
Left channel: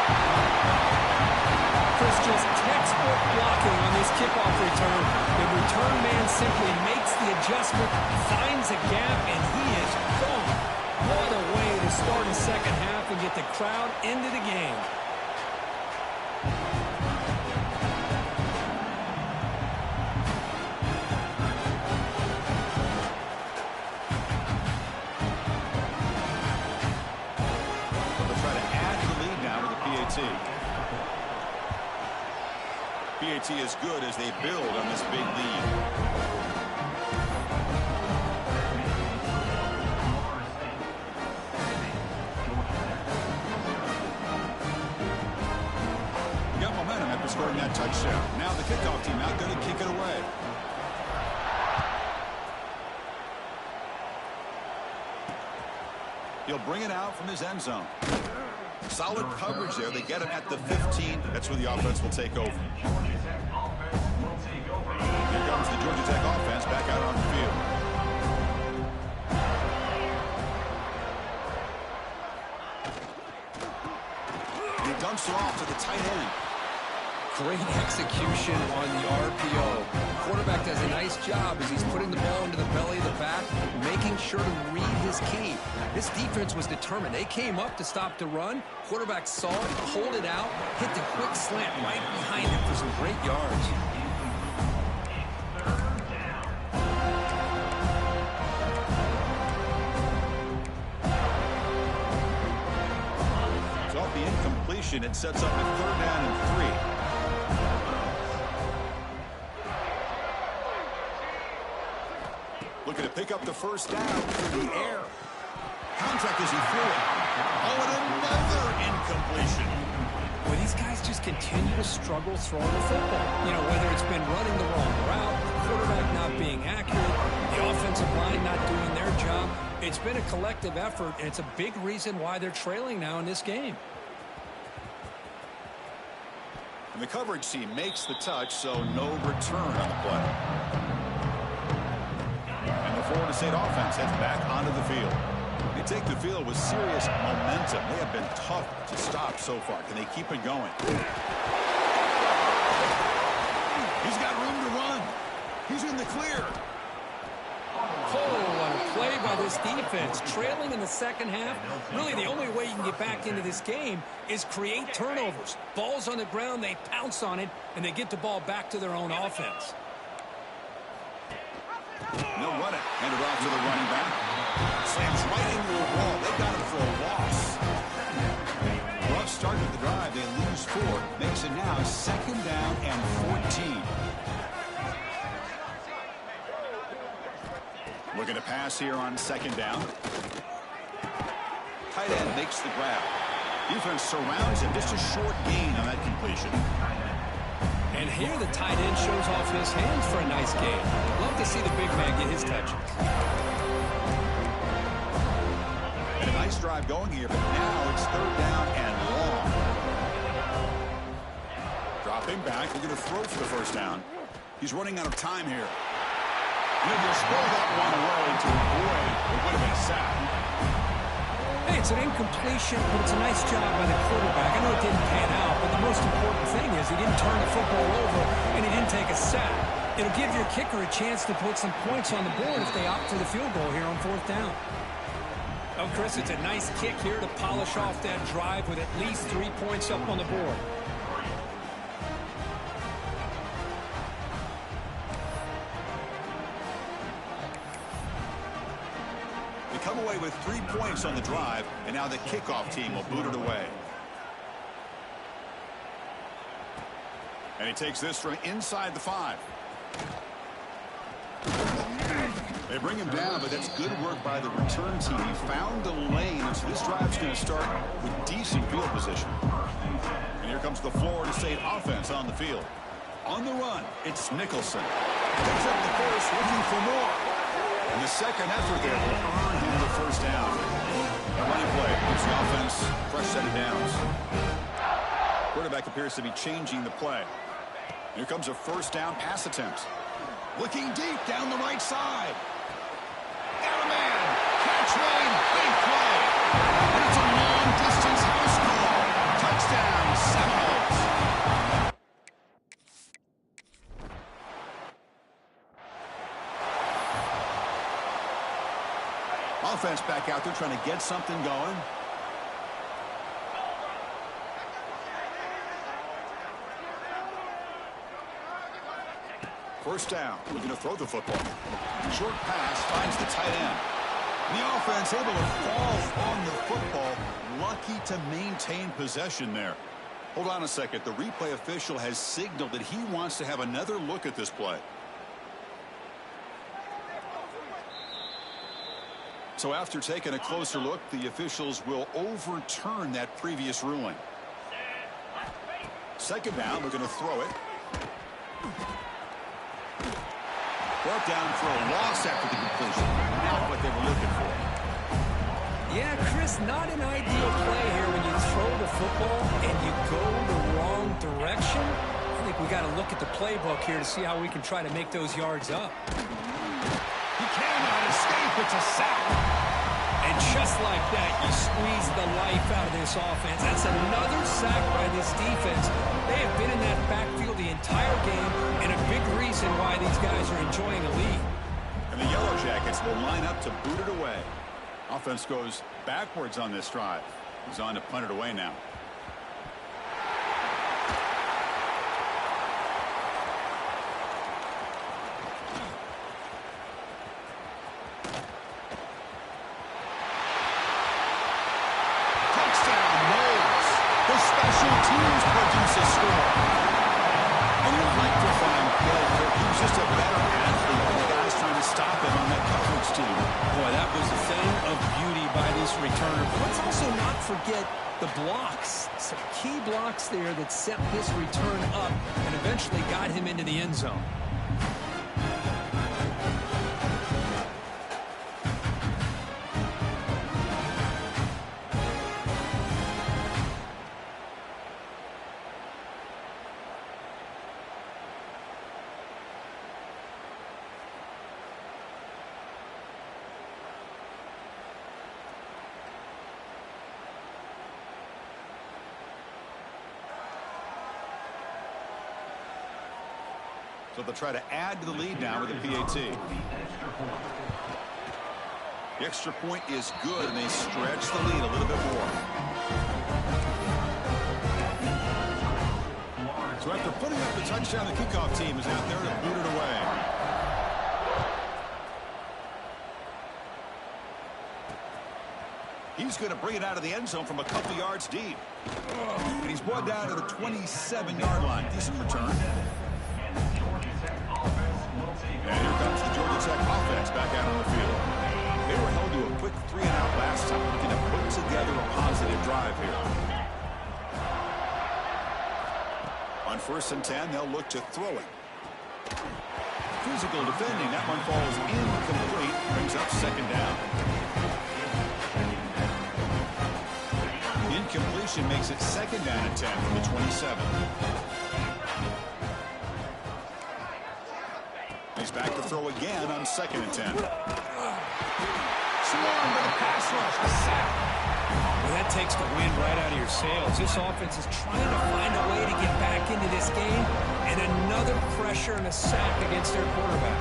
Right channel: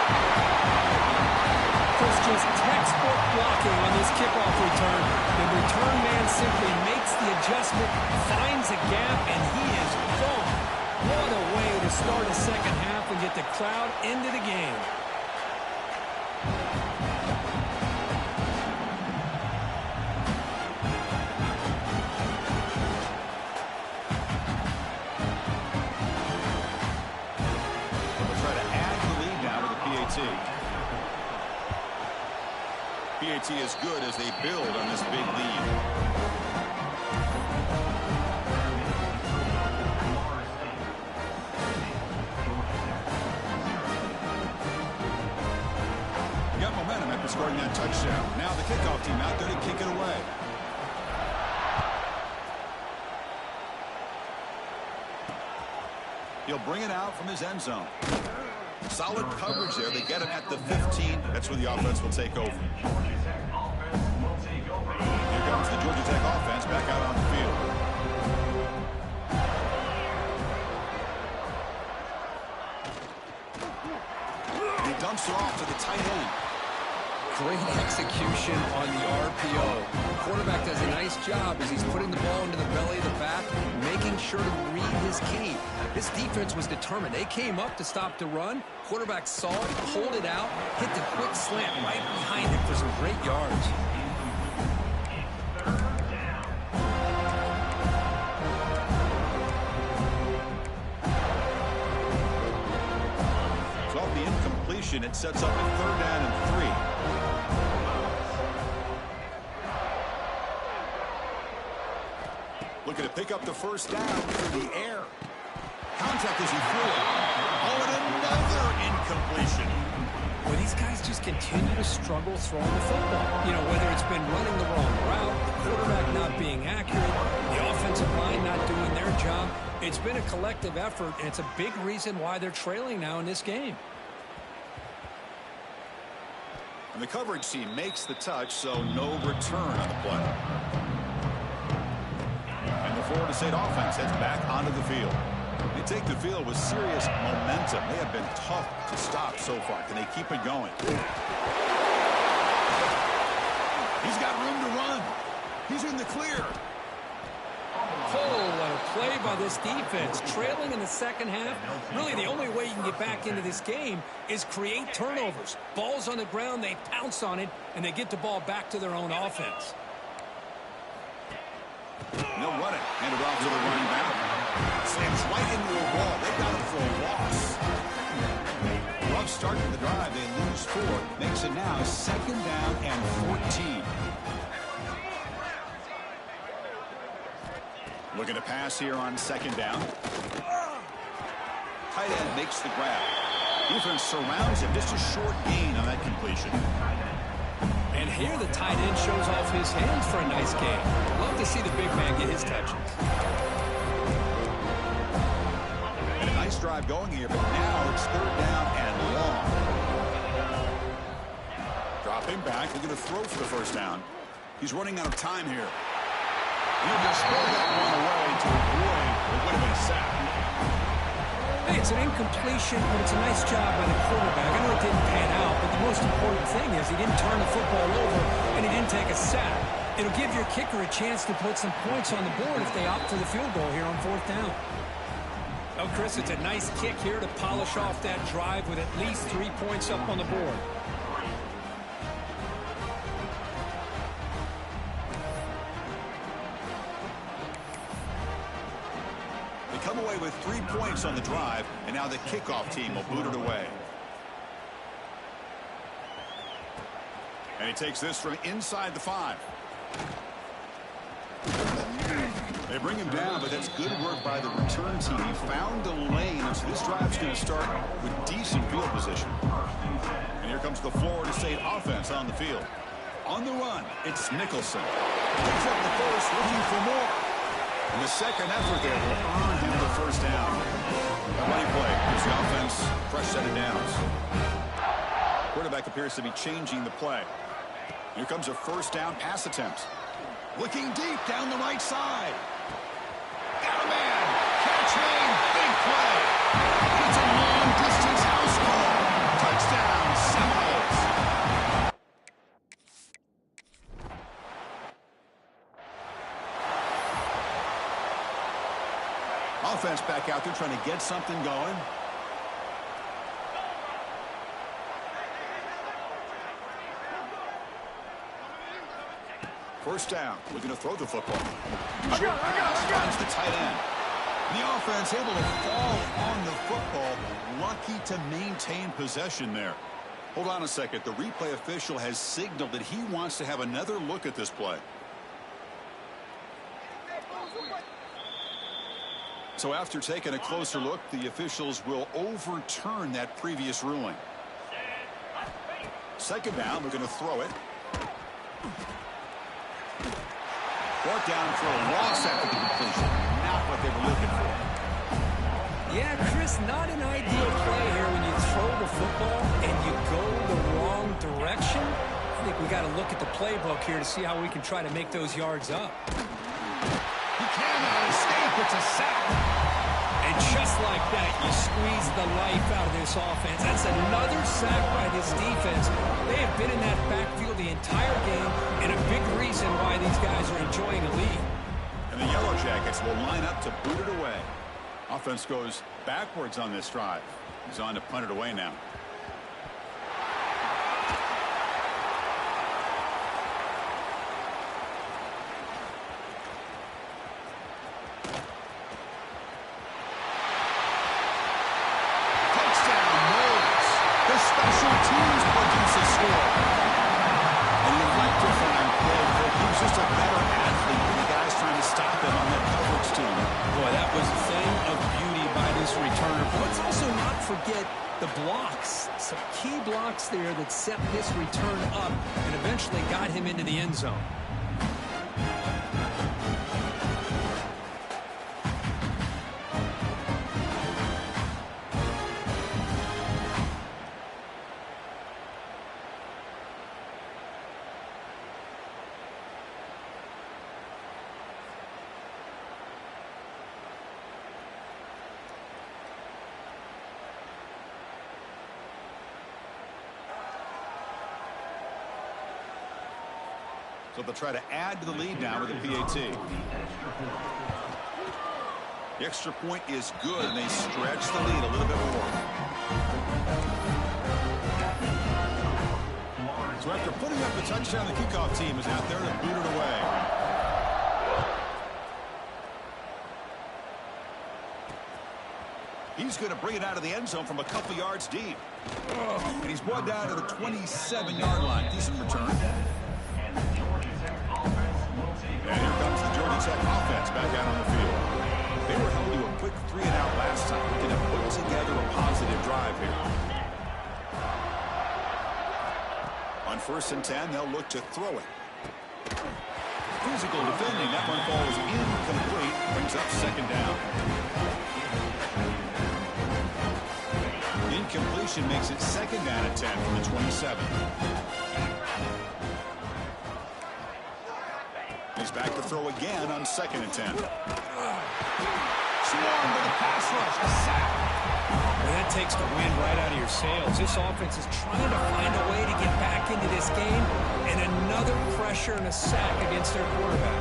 Chris, just textbook blocking on this kickoff return. The return man simply makes the adjustment, finds a gap, and he is gone. What a way to start a second half and get the crowd into the game. They'll try to add to the lead now with the PAT. PAT is good as they build on this big lead. They got momentum after scoring that touchdown. Now the kickoff team out there to kick it away. He'll bring it out from his end zone. Solid coverage there. They get him at the 15. That's where the offense will take over. Here comes the Georgia Tech offense back out on the field. He dumps it off to the tight end. Great execution on the RPO. Quarterback does a nice job as he's putting the ball into the belly of the back, making sure to read his key. This defense was determined. They came up to stop the run. Quarterback saw it, pulled it out, hit the quick slant right behind him for some great yards. So off the incompletion, it sets up a 3rd down and 3. Looking to pick up the first down through the air. Contact as he flew it. Oh, and another incompletion. Well, these guys just continue to struggle throwing the football. You know, whether it's been running the wrong route, the quarterback not being accurate, the offensive line not doing their job. It's been a collective effort, and it's a big reason why they're trailing now in this game. And the coverage team makes the touch, so no return on the play. And the Florida State offense heads back onto the field. They take the field with serious momentum. They have been tough to stop so far. Can they keep it going? He's got room to run. He's in the clear. Oh, what a play by this defense. Trailing in the second half. Really, the only way you can get back into this game is create turnovers. Ball's on the ground, they pounce on it, and they get the ball back to their own offense. They'll run it. Hand it off to the running back. Slams right into a wall. They got him for a loss. Rough start to the drive. They lose 4. Makes it now 2nd down and 14. Looking to pass here on 2nd down. Tight end makes the grab. Defense surrounds him. Just a short gain on that completion. And here the tight end shows off his hands for a nice gain. Love to see the big man get his touches. And a nice drive going here, but now it's 3rd down and long. Dropping back, looking to throw for the 1st down. He's running out of time here. And he'll just throw that one away to avoid what would have been a sack. Hey, it's an incompletion, but it's a nice job by the quarterback. I know it didn't pan out, but the most important thing is he didn't turn the football over and he didn't take a sack. It'll give your kicker a chance to put some points on the board if they opt for the field goal here on 4th down. Oh, Chris, it's a nice kick here to polish off that drive with at least 3 points up on the board. They come away with 3 points on the drive, and now the kickoff team will boot it away. And he takes this from inside the 5. They bring him down, but that's good work by the return team. He found the lane, and so this drive's going to start with decent field position. And here comes the Florida State offense on the field. On the run, it's Nicholson. Picks up the first, looking for more. And the second effort there will earn him the 1st down. A running play gives the offense a fresh set of downs. Quarterback appears to be changing the play. Here comes a 1st down pass attempt. Looking deep down the right side. Got a man. Catch made. Big play. And it's a long-distance house call. Touchdown, Seminoles. Offense back out there trying to get something going. First down, looking to throw the football. Short pass finds the tight end. And the offense able to fall on the football. Lucky to maintain possession there. Hold on a second. The replay official has signaled that he wants to have another look at this play. So after taking a closer look, the officials will overturn that previous ruling. 2nd down, we're going to throw it. Brought down for a loss after the completion. Not what they were looking for. Yeah, Chris, not an ideal play here when you throw the football and you go the wrong direction. I think we got to look at the playbook here to see how we can try to make those yards up. He cannot escape. It's a sack. And just like that, you squeeze the life out of this offense. That's another sack by this defense. They have been in that backfield the entire game, and a big reason why these guys are enjoying a lead. And the Yellow Jackets will line up to boot it away. Offense goes backwards on this drive. He's on to punt it away now. Touchdown, Knowles. The special teams produce a score. And you'd like to find play, Kirk. He was just a better athlete than the guys trying to stop him on that coverage team. Boy, that was a thing of beauty by this returner. But let's also not forget the blocks. Some key blocks there that set this return up and eventually got him into the end zone. So they'll try to add to the lead now with a PAT. The extra point is good, and they stretch the lead a little bit more. So after putting up the touchdown, the kickoff team is out there to boot it away. He's going to bring it out of the end zone from a couple yards deep. And he's brought down to the 27-yard line. Decent return. And here comes the Georgia Tech offense back out on the field. They were held to a quick 3-and-out last time, looking to put together a positive drive here. On 1st and 10, they'll look to throw it. Physical defending. That one falls incomplete. Brings up 2nd down. Incompletion makes it 2nd down and 10 from the 27. He's back to throw again on 2nd and 10. Swarmed with a pass rush, a sack. Well, that takes the wind right out of your sails. This offense is trying to find a way to get back into this game, and another pressure and a sack against their quarterback.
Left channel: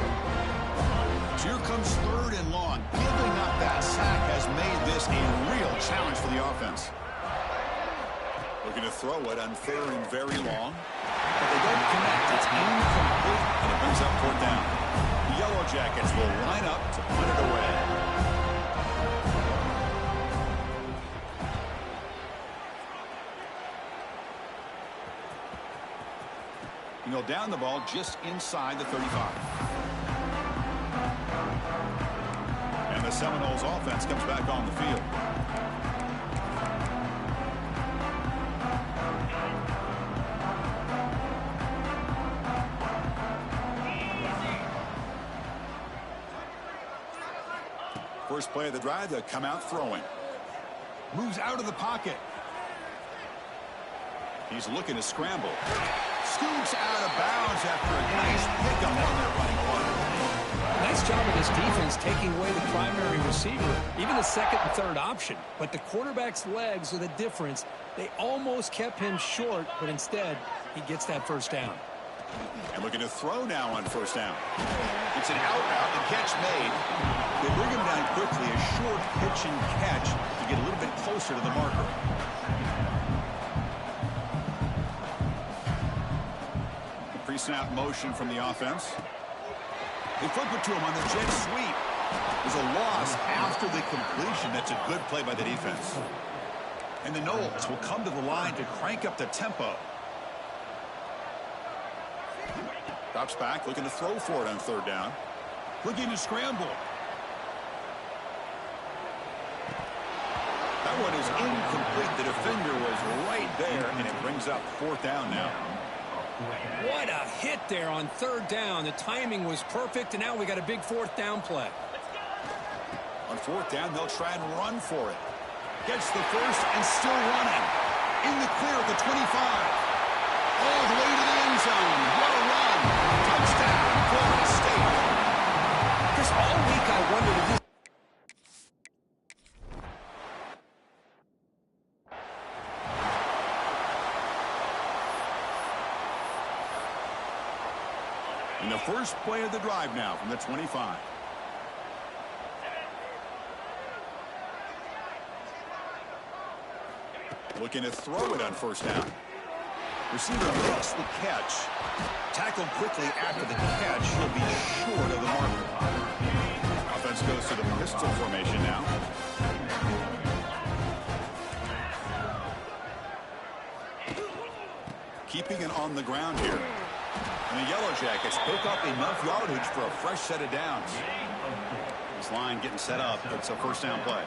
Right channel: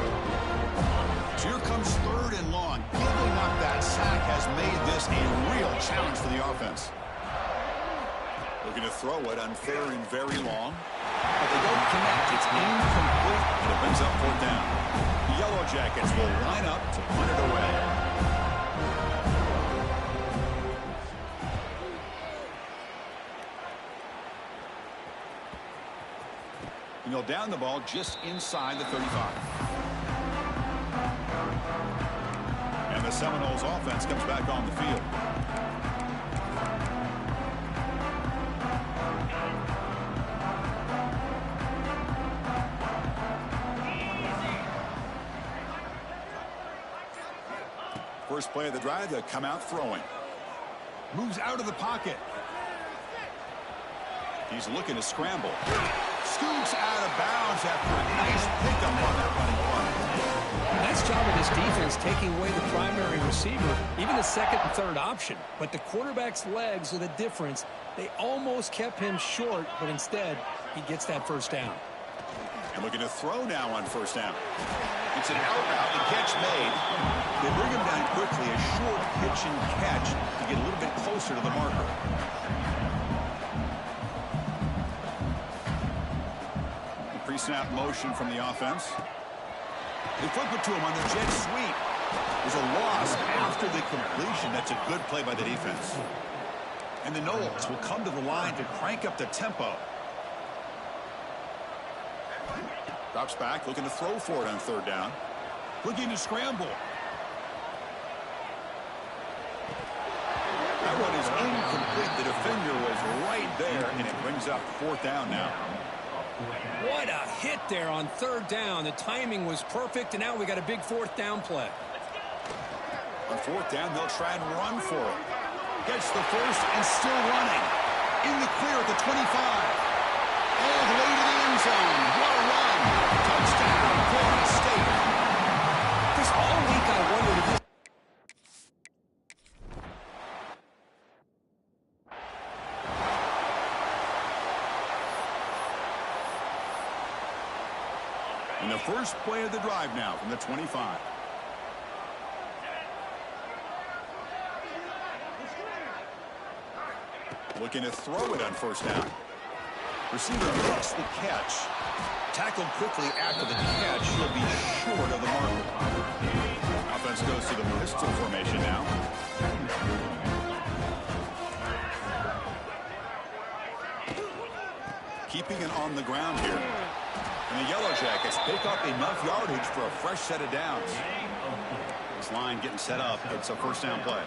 So here comes 3rd and long. Giving up that sack has made this a real challenge for the offense. Looking to throw it on 3rd and very long. But they don't connect. It's incomplete, and it brings up 4th down. The Yellow Jackets will line up to punt it away. And he'll down the ball just inside the 35. And the Seminoles offense comes back on the field. First play of the drive, they'll come out throwing. Moves out of the pocket. He's looking to scramble. Scoots out of bounds after a nice pickup on that running play. Nice job of this defense taking away the primary receiver, even the 2nd and 3rd option. But the quarterback's legs are the difference. They almost kept him short, but instead, he gets that 1st down. And looking to throw now on 1st down. It's an out route, the catch made. They bring him down quickly, a short pitch and catch to get a little bit closer to the marker. The pre-snap motion from the offense. They flip it to him on the jet sweep. There's a loss after the completion. That's a good play by the defense. And the Noles will come to the line to crank up the tempo. Drops back, looking to throw for it on 3rd down. Looking to scramble. That one is incomplete. The defender was right there, and it brings up 4th down now. What a hit there on 3rd down. The timing was perfect, and now we got a big 4th down play. On 4th down, they'll try and run for it. Gets the first and still running. In the clear at the 25. All the way to the end zone. What a run. Touchdown, Florida State. Chris, all week I wondered if this... In the first play of the drive now from the 25. Looking to throw it on 1st down. Receiver makes the catch. Tackled quickly after the catch. He'll be short of the marker. Offense goes to the pistol formation now. Keeping it on the ground here. And the Yellow Jackets pick up enough yardage for a fresh set of downs. This line getting set up. It's a first down play.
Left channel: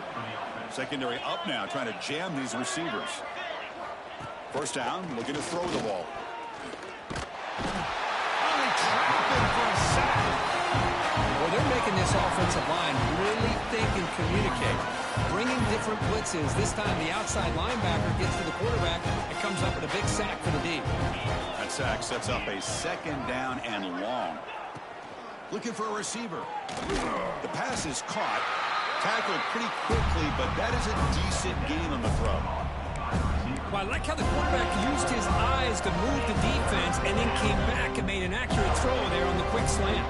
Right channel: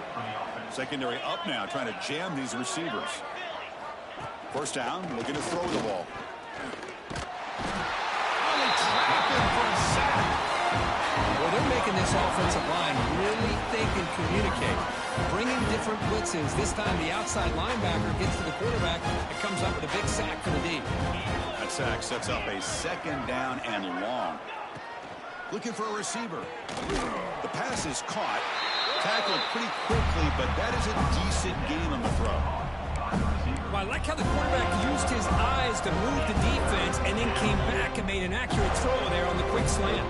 Secondary up now, trying to jam these receivers. First down, looking to throw the ball. Oh, they trap him for a sack. Well, they're making this offensive line really think and communicate. Bringing different blitzes. This time the outside linebacker gets to the quarterback and comes up with a big sack for the D. That sack sets up a second down and long. Looking for a receiver. The pass is caught. Tackled pretty quickly, but that is a decent gain on the throw. Well, I like how the quarterback used his eyes to move the defense and then came back and made an accurate throw there on the quick slant.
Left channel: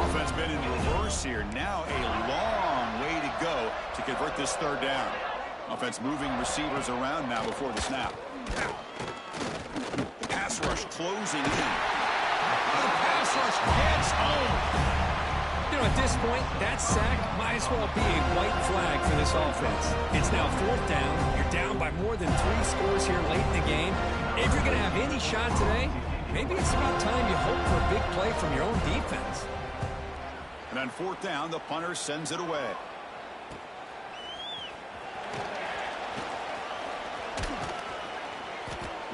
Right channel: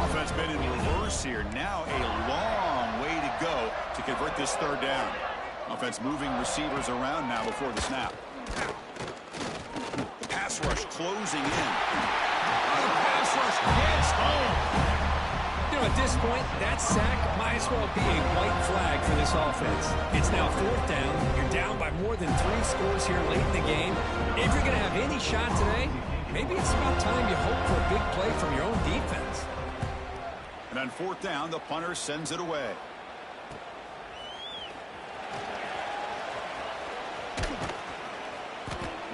Offense been in reverse here. Now a long way to go to convert this third down. Offense moving receivers around now before the snap. The pass rush closing in. The pass rush gets home. You know, at this point, that sack might as well be a white flag for this offense. It's now fourth down. You're down by more than 3 scores here late in the game. If you're going to have any shot today, maybe it's about time you hope for a big play from your own defense. And on fourth down, the punter sends it away.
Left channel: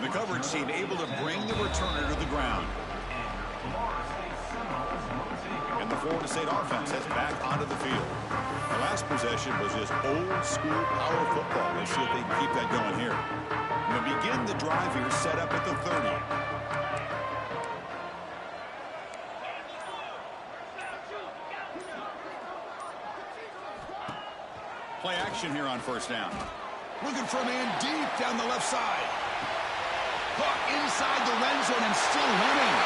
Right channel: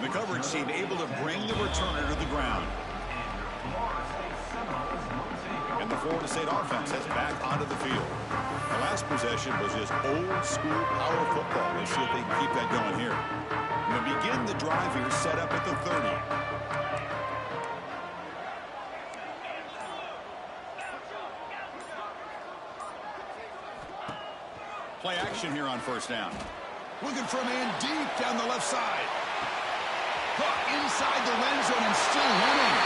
The coverage team able to bring the returner to the ground. And the Florida State offense heads back onto the field. The last possession was just old school power football. Let's see if they can keep that going here. And they begin the drive here, set up at the 30. Play action here on first down. Looking for a man deep down the left side. Caught inside the red zone and still running.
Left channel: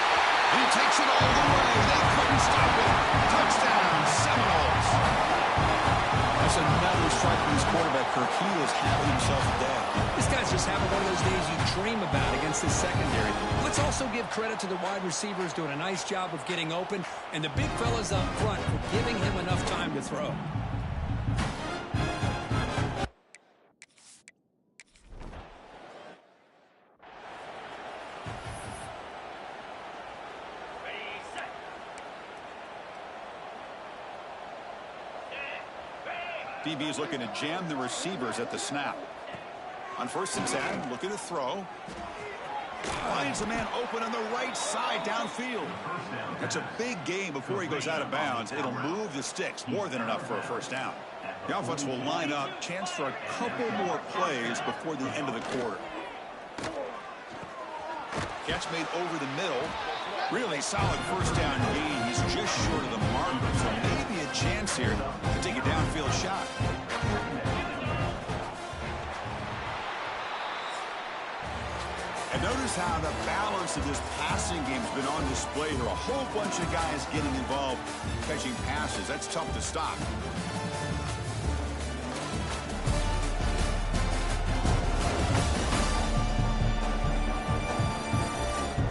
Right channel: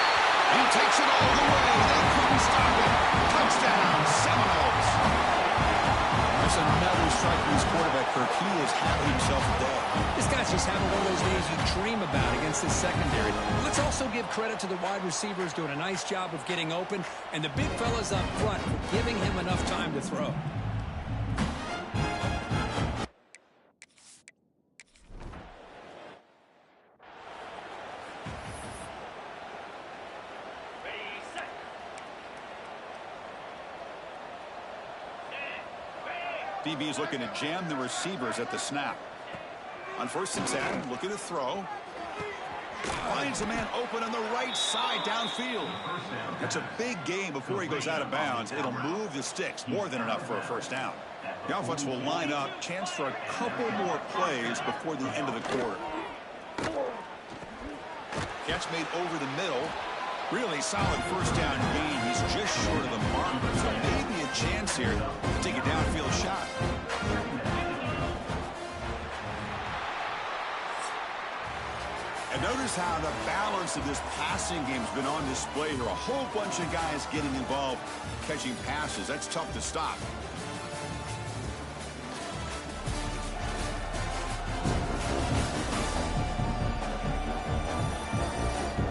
And he takes it all the way. They couldn't stop him. Touchdown, Seminoles. That's another strike from his quarterback, Kirk. He is having himself a day. This guy's just having one of those days you dream about against this secondary. Let's also give credit to the wide receivers doing a nice job of getting open, and the big fellas up front for giving him enough time to throw. DB is looking to jam the receivers at the snap. On first and 10, looking to throw. Finds a man open on the right side downfield. That's a big gain before he goes out of bounds. It'll move the sticks, more than enough for a first down. The offense will line up, chance for a couple more plays before the end of the quarter. Catch made over the middle. Really solid first down gain. He's just short of the marker, so maybe a chance here to take a downfield shot. And notice how the balance of this passing game has been on display here. A whole bunch of guys getting involved catching passes. That's tough to stop.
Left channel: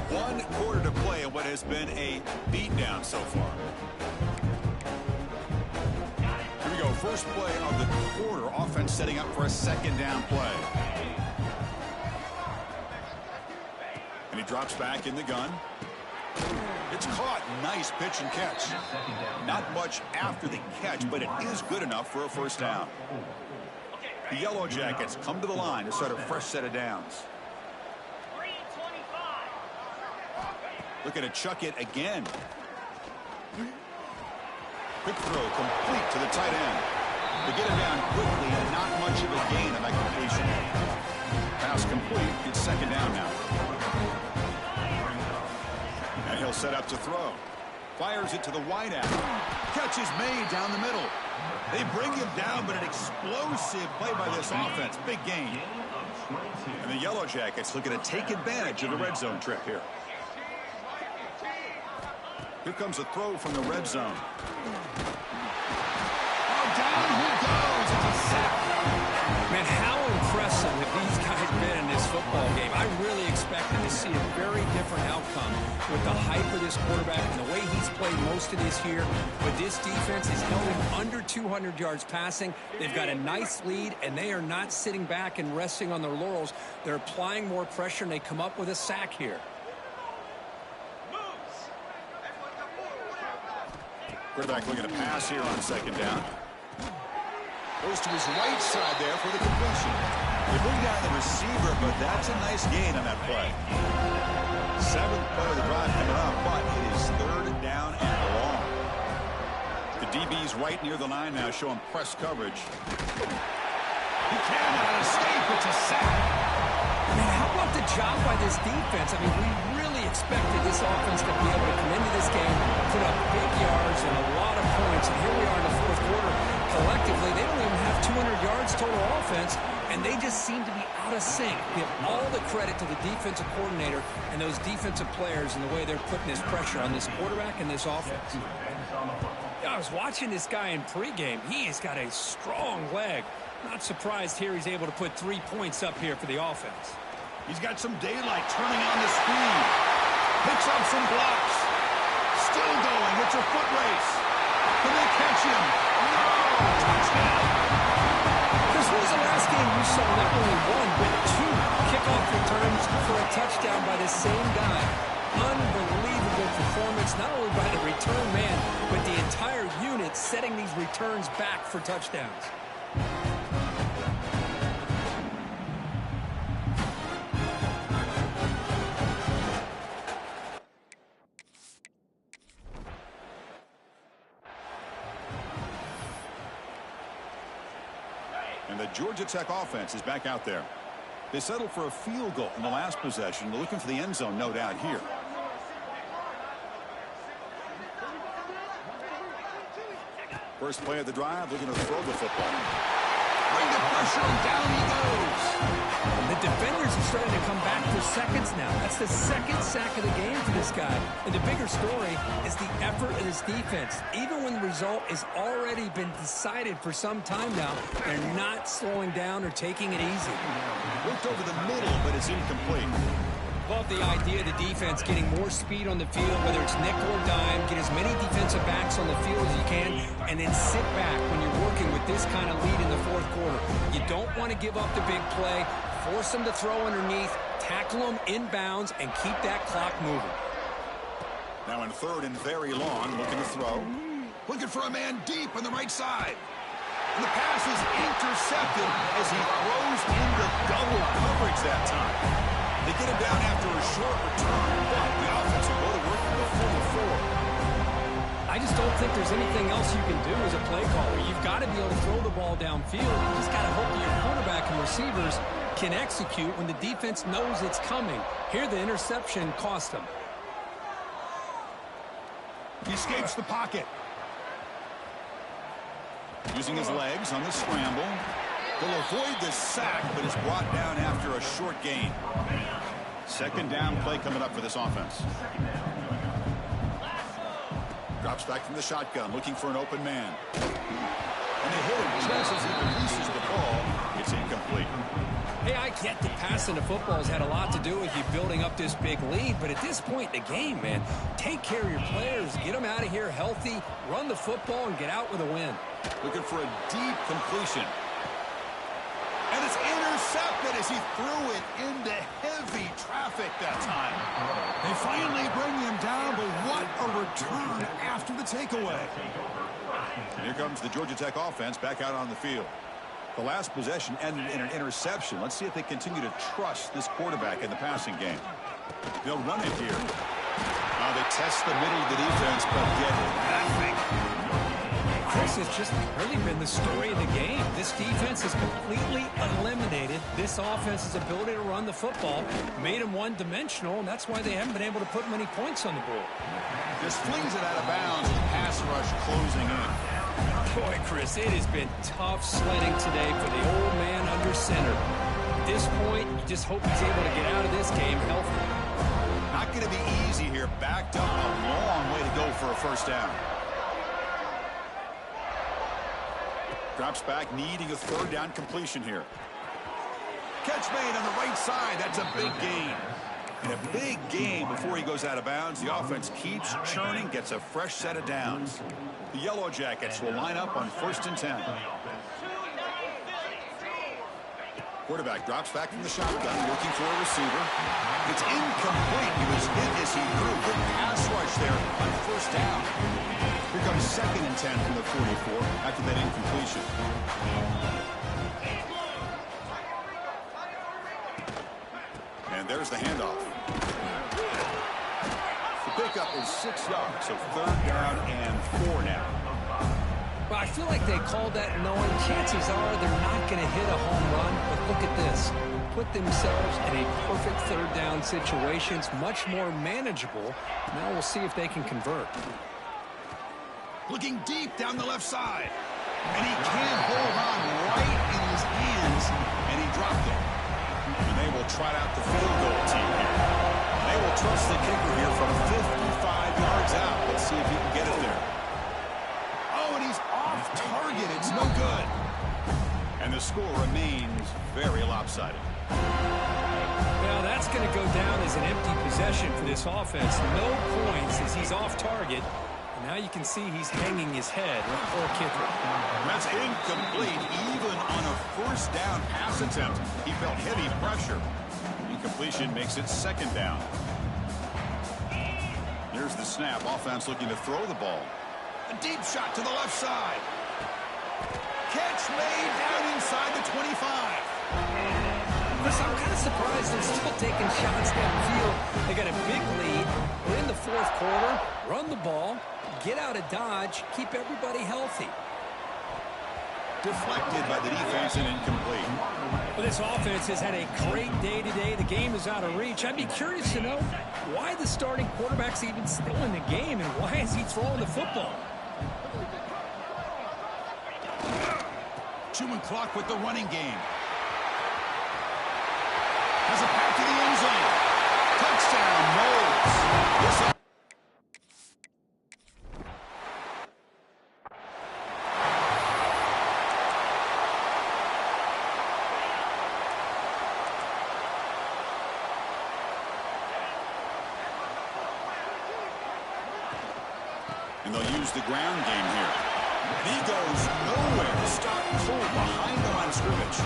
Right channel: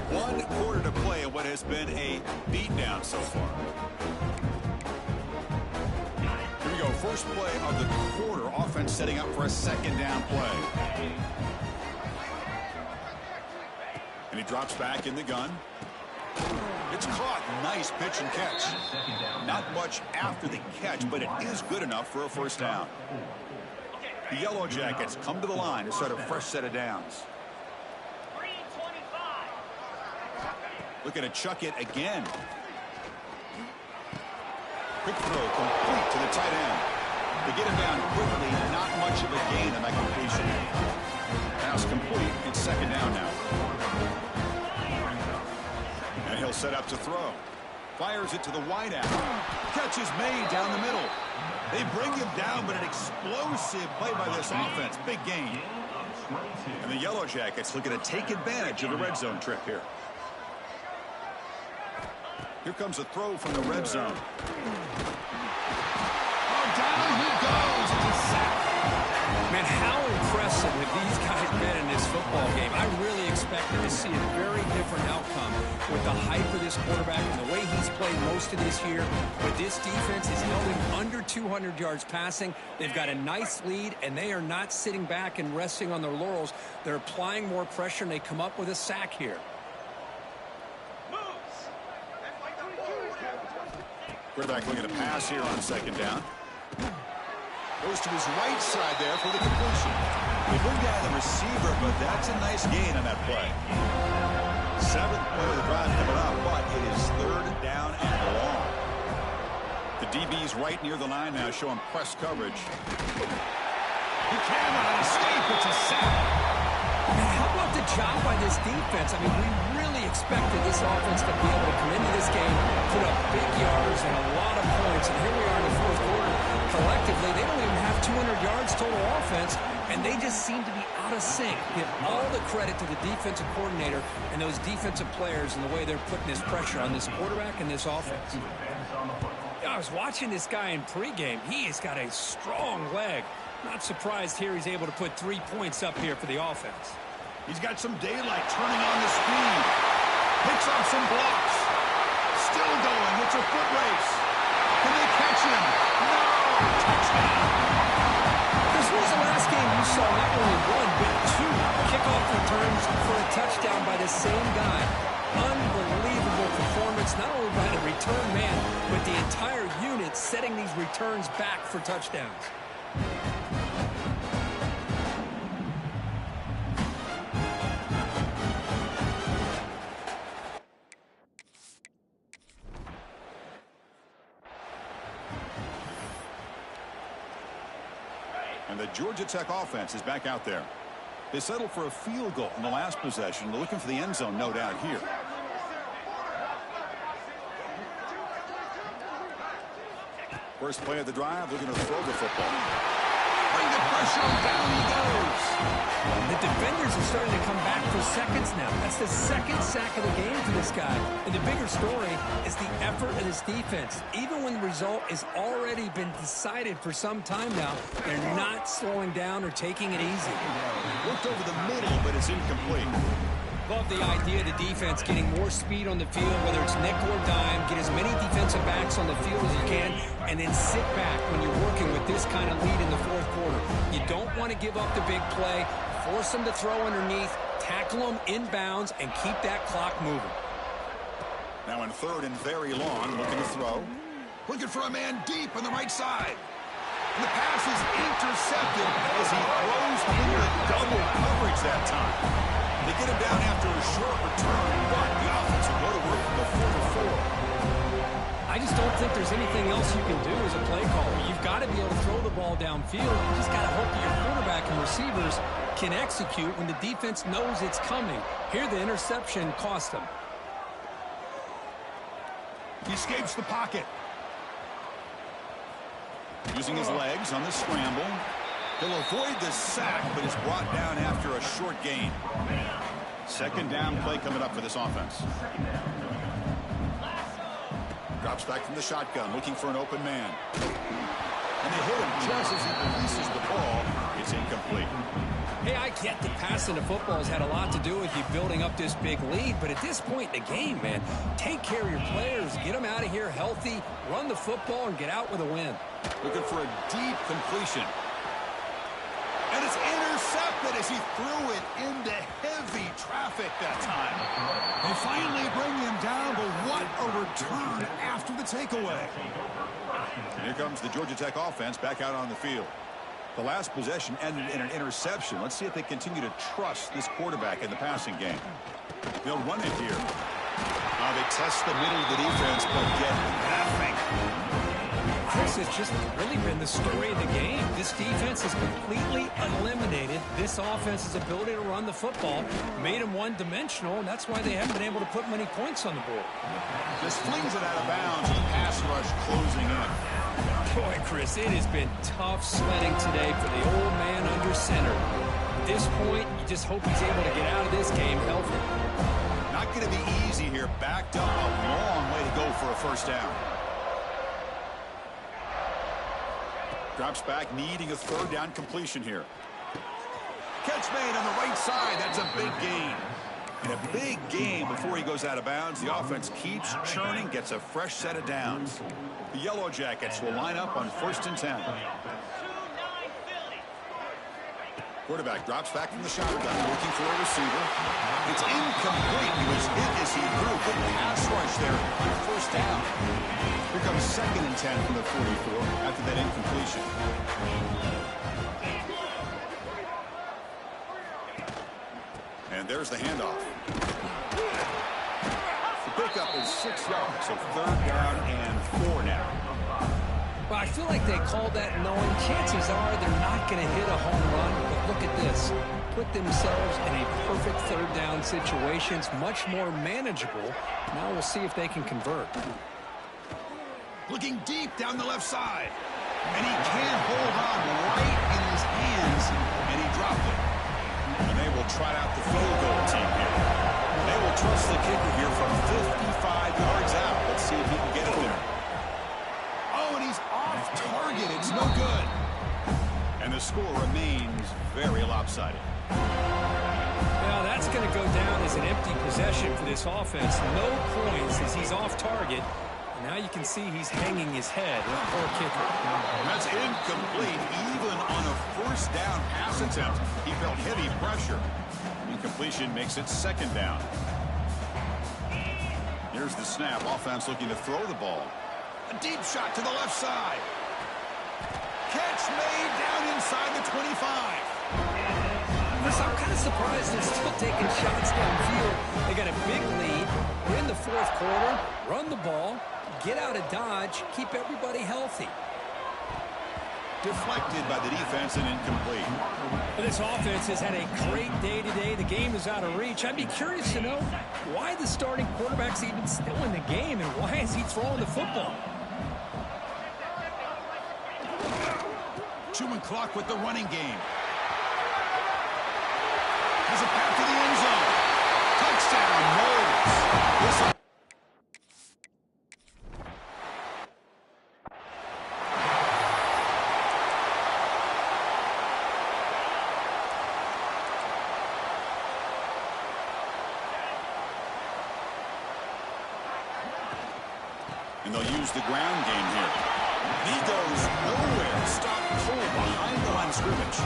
One quarter to play in what has been a beatdown so far. Here we go. First play of the quarter. Offense setting up for a second down play. And he drops back in the gun. It's caught. Nice pitch and catch. Not much after the catch, but it is good enough for a first down. The Yellow Jackets come to the line to start a fresh set of downs. Looking to chuck it again. Quick throw complete to the tight end. They get him down quickly, not much of a gain on that completion. Pass complete. It's second down now. And he'll set up to throw. Fires it to the wideout. Catch is made down the middle. They bring him down, but an explosive play by this offense. Big gain. And the Yellow Jackets looking to take advantage of the red zone trip here. Here comes a throw from the red zone. Oh, down he goes. It's a sack. Man, how impressive have these guys been in this football game? I really expected to see a very different outcome with the hype of this quarterback and the way he's played most of this year. But this defense is held him under 200 yards passing. They've got a nice lead, and they are not sitting back and resting on their laurels. They're applying more pressure, and they come up with a sack here. Oh, Quarterback looking to pass here on second down. Goes to his right side there for the completion. They bring down the receiver, but that's a nice gain on that play. 7th play of the drive coming up, but it is 3rd down and long. The DB's right near the line now, showing press coverage. He cannot escape. It's a sack. Man, how about the job by this defense? I mean, we really expected this offense to be able to come into this game, put up big yards and a lot of points. And here we are in the 4th quarter. Collectively, they don't even have 200 yards total offense, and they just seem to be out of sync. Give all the credit to the defensive coordinator and those defensive players and the way they're putting this pressure on this quarterback and this offense. I was watching this guy in pregame. He has got a strong leg. Not surprised here he's able to put 3 points up here for the offense. He's got some daylight turning on the speed. Picks up some blocks. Still going. It's a foot race. Can they catch him? No! Touchdown! Chris, when was the last game you saw not only 1, but 2 kickoff returns for a touchdown by the same guy? Unbelievable performance, not only by the return man, but the entire unit setting these returns back for touchdowns. And the Georgia Tech offense is back out there. They settled for a field goal in the last possession. They're looking for the end zone, no doubt, here. First play of the drive, looking to throw the football. Bring the pressure, and down he goes. The defenders are starting to come back for seconds now. That's the 2nd sack of the game for this guy. And the bigger story is the effort of this defense. Even when the result has already been decided for some time now, they're not slowing down or taking it easy. Worked over the middle, but it's incomplete. Love the idea of the defense getting more speed on the field, whether it's nickel or dime, get as many defensive backs on the field as you can, and then sit back when you're working with this kind of lead in the 4th quarter. You don't want to give up the big play, force them to throw underneath, tackle them inbounds, and keep that clock moving. Now in 3rd and very long, looking to throw. Looking for a man deep on the right side. And the pass is intercepted as he throws into double coverage that time. They get him down after a short return, but the offense will go to work from the 44. I just don't think there's anything else you can do as a play caller. You've got to be able to throw the ball downfield. You just got to hope that your quarterback and receivers can execute when the defense knows it's coming. Here, the interception cost them. He escapes the pocket. Using his legs on the scramble. He'll avoid the sack, but is brought down after a short gain. 2nd down play coming up for this offense. Drops back from the shotgun, looking for an open man. And they hit him just as he releases the ball. It's incomplete. Hey, I get that passing the football has had a lot to do with you building up this big lead, but at this point in the game, man, take care of your players, get them out of here healthy, run the football, and get out with a win. Looking for a deep completion. And it's intercepted as he threw it into heavy traffic that time. They finally bring him down, but what a return after the takeaway. Here comes the Georgia Tech offense back out on the field. The last possession ended in an interception. Let's see if they continue to trust this quarterback in the passing game. They'll run it here. They test the middle of the defense, but get nothing. Chris, it's just really been the story of the game. This defense has completely eliminated this offense's ability to run the football, made them one-dimensional, and that's why they haven't been able to put many points on the board. Just flings it out of bounds with pass rush closing in. Boy, Chris, it has been tough sledding today for the old man under center. At this point, you just hope he's able to get out of this game healthy. Not going to be easy here. Backed up a long way to go for a first down. Drops back, needing a 3rd down completion here. Catch made on the right side. That's a big gain. And a big gain before he goes out of bounds. The offense keeps churning, gets a fresh set of downs. The Yellow Jackets will line up on 1st and 10. Quarterback drops back from the shotgun, looking for a receiver. It's incomplete. He was hit as he threw. Good pass rush there on first down. Here comes 2nd and 10 from the 44 after that incompletion. And there's the handoff. The pickup is 6 yards, so 3rd down and 4 now. Well, I feel like they called that knowing chances are they're not going to hit a home run. But look at this. Put themselves in a perfect 3rd down situation. It's much more manageable. Now we'll see if they can convert. Looking deep down the left side. And he can't hold on right in his hands. And he dropped it. And they will trot out the field goal team here. They will trust the kicker here from 55 yards out. Let's see if he can get it there. Oh, and he's off target. It's no good. And the score remains very lopsided. Well, that's going to go down as an empty possession for this offense. No points as he's off target. And now you can see he's hanging his head. Poor kicker. That's incomplete. Even on a 1st down pass attempt, he felt heavy pressure. Incompletion makes it 2nd down. Here's the snap. Offense looking to throw the ball. A deep shot to the left side. Catch made down inside the 25. Chris, I'm kind of surprised they're still taking shots downfield. They got a big lead. We're in the 4th quarter. Run the ball. Get out of Dodge. Keep everybody healthy. Deflected by the defense and incomplete. Well, this offense has had a great day today. The game is out of reach. I'd be curious to know why the starting quarterback's even still in the game and why is he throwing the football? Chewing clock with the running game. Has a path to the end zone. Touchdown, Knowles. And they'll use the ground game here. And he goes nowhere. Stop cold behind the line of scrimmage.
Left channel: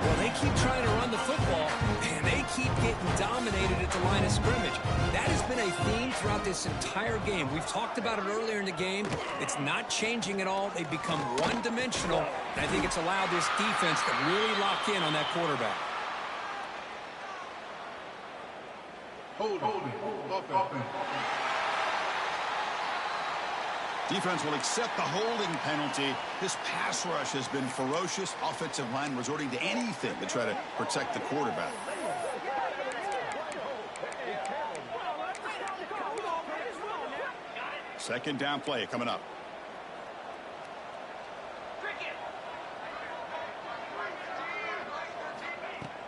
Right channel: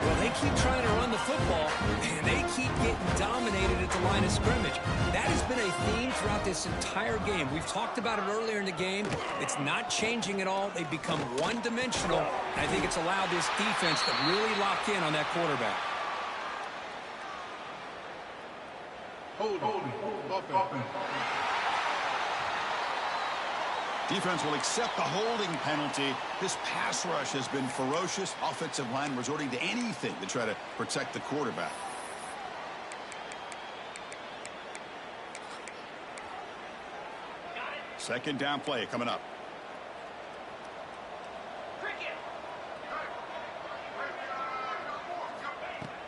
Well, they keep trying to run the football, and they keep getting dominated at the line of scrimmage. That has been a theme throughout this entire game. We've talked about it earlier in the game. It's not changing at all. They've become one-dimensional, and I think it's allowed this defense to really lock in on that quarterback. Hold. Defense will accept the holding penalty. This pass rush has been ferocious. Offensive line resorting to anything to try to protect the quarterback. Second down play coming up.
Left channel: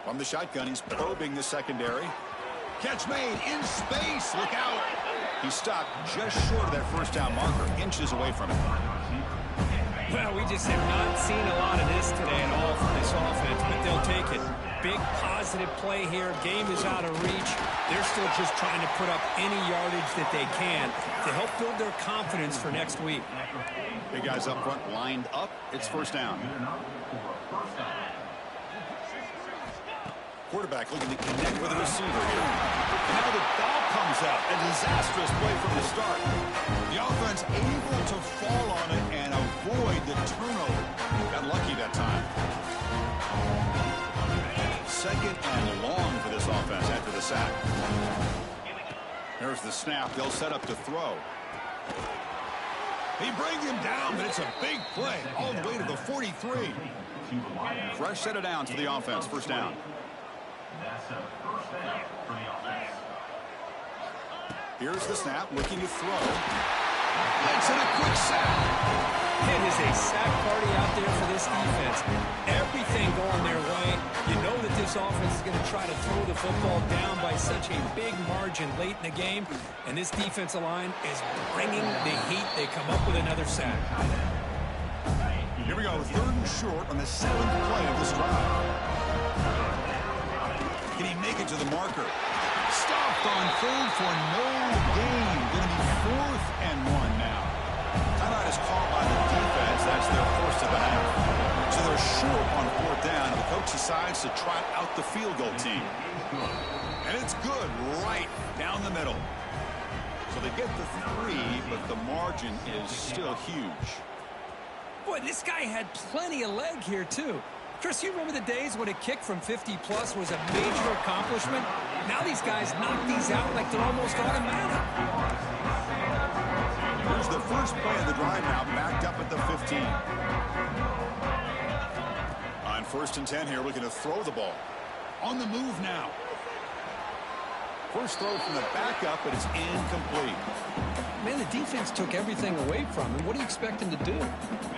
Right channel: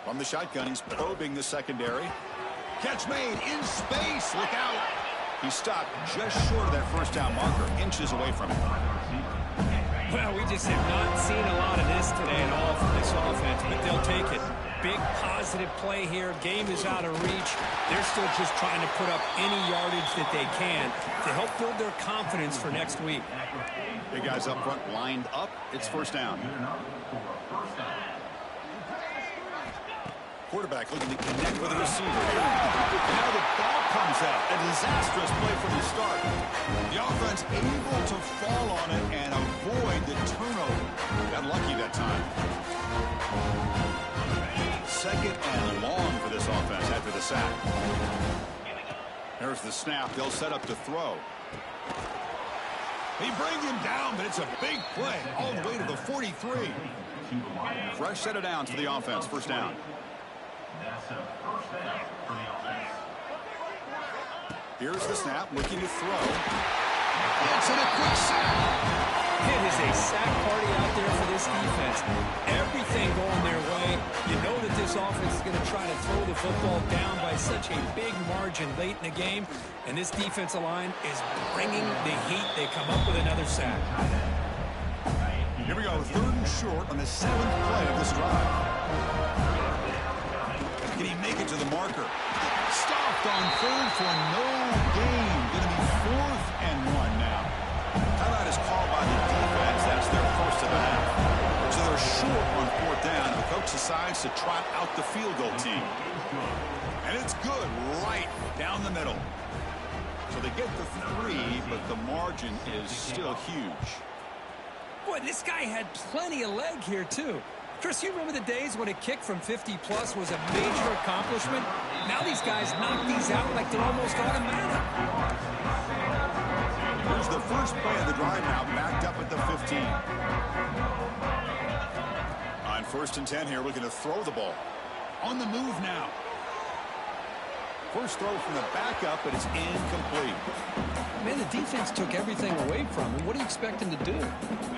From the shotgun, he's probing the secondary. Catch made in space. Look out. He stopped just short of that first down marker, inches away from it. Well, we just have not seen a lot of this today at all from this offense, but they'll take it. Big positive play here. Game is out of reach. They're still just trying to put up any yardage that they can to help build their confidence for next week. Big guys up front lined up. It's first down. Quarterback looking to connect with a receiver here. And now the ball comes out. A disastrous play from the start. The offense able to fall on it and avoid the turnover. Got lucky that time. 2nd and long for this offense after the sack. There's the snap. They'll set up to throw. He brings him down, but it's a big play all the way to the 43. Fresh set of downs for the offense. First down. That's a first down for the offense. Here's the snap, looking to throw. It's in a quick sack. It is a sack party out there for this defense. Everything going their way. You know that this offense is going to try to throw the football down by such a big margin late in the game. And this defensive line is bringing the heat. They come up with another sack. Here we go, 3rd and short on the 7th play of this drive. Can he make it to the marker? Stopped on 3rd for no gain. Going to be 4th and 1 now. Timeout is called by the defense. That's their first of the half. So they're short on fourth down. The coach decides to trot out the field goal team. And it's good right down the middle. So they get the 3, but the margin is still huge. Boy, this guy had plenty of leg here, too. Chris, you remember the days when a kick from 50-plus was a major accomplishment? Now these guys knock these out like they're almost automatic. Here's the first play of the drive now, backed up at the 15. On 1st and 10 here, looking to throw the ball. On the move now. First throw from the backup, but it's incomplete. Man, the defense took everything away from him. What do you expect him to do?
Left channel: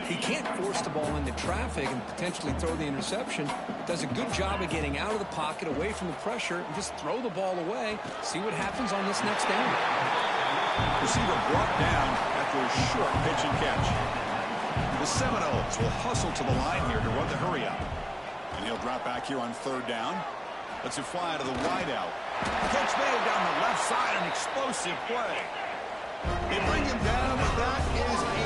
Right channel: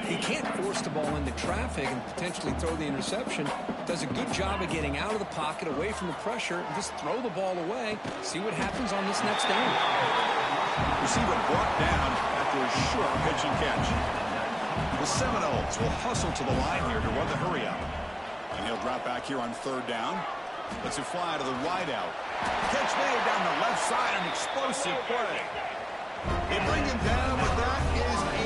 He can't force the ball into traffic and potentially throw the interception. Does a good job of getting out of the pocket, away from the pressure, and just throw the ball away. See what happens on this next down. Receiver brought down after a short pitch and catch. The Seminoles will hustle to the line here to run the hurry up. And he'll drop back here on 3rd down. Lets it fly to the wideout. Catch made down the left side, an explosive play. They bring him down, but that is a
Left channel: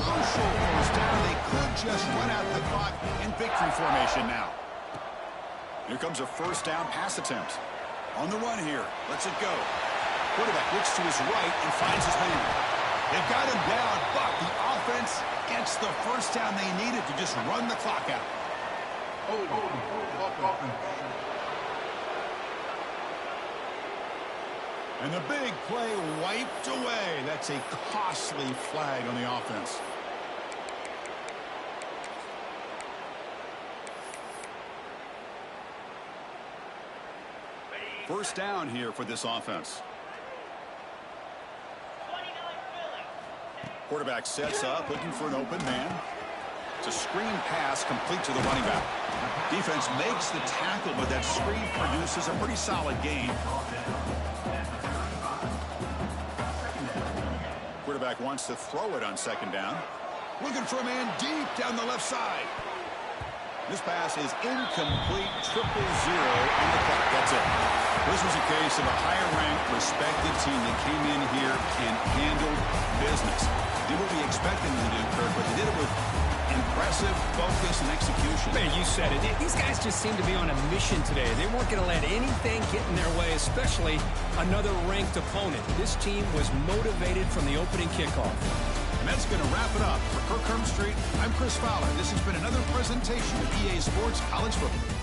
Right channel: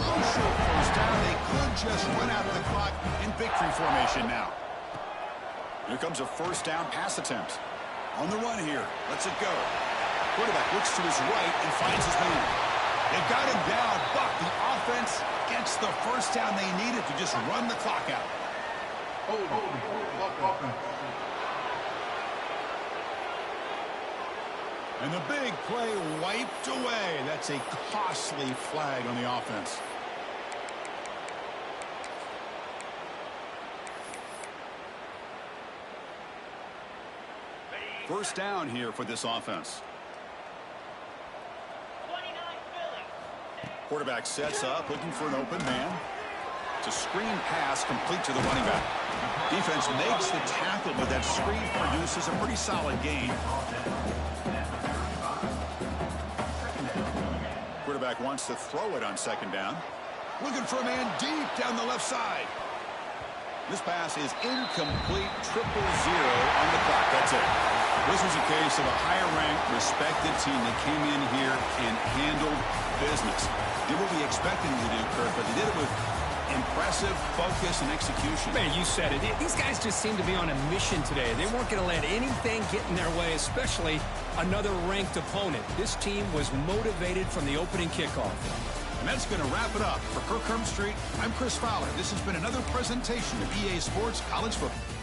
crucial first down. They could just run out the clock in victory formation now. Here comes a first down pass attempt. On the run here. Lets it go. Quarterback looks to his right and finds his man. They've got him down, but the offense gets the first down they needed to just run the clock out. And the big play wiped away. That's a costly flag on the offense. First down here for this offense. Quarterback sets up, looking for an open man. It's a screen pass complete to the running back. Defense makes the tackle, but that screen produces a pretty solid gain. Quarterback wants to throw it on 2nd down. Looking for a man deep down the left side. This pass is incomplete, 0-0 on the clock. That's it. This was a case of a higher-ranked, respected team that came in here and handled business. Did what we expected them to do, Kirk, but they did it with impressive focus and execution. Man, you said it. These guys just seem to be on a mission today. They weren't going to let anything get in their way, especially another ranked opponent. This team was motivated from the opening kickoff. And that's going to wrap it up. For Kirk Street, I'm Chris Fowler. This has been another presentation of EA Sports College Football.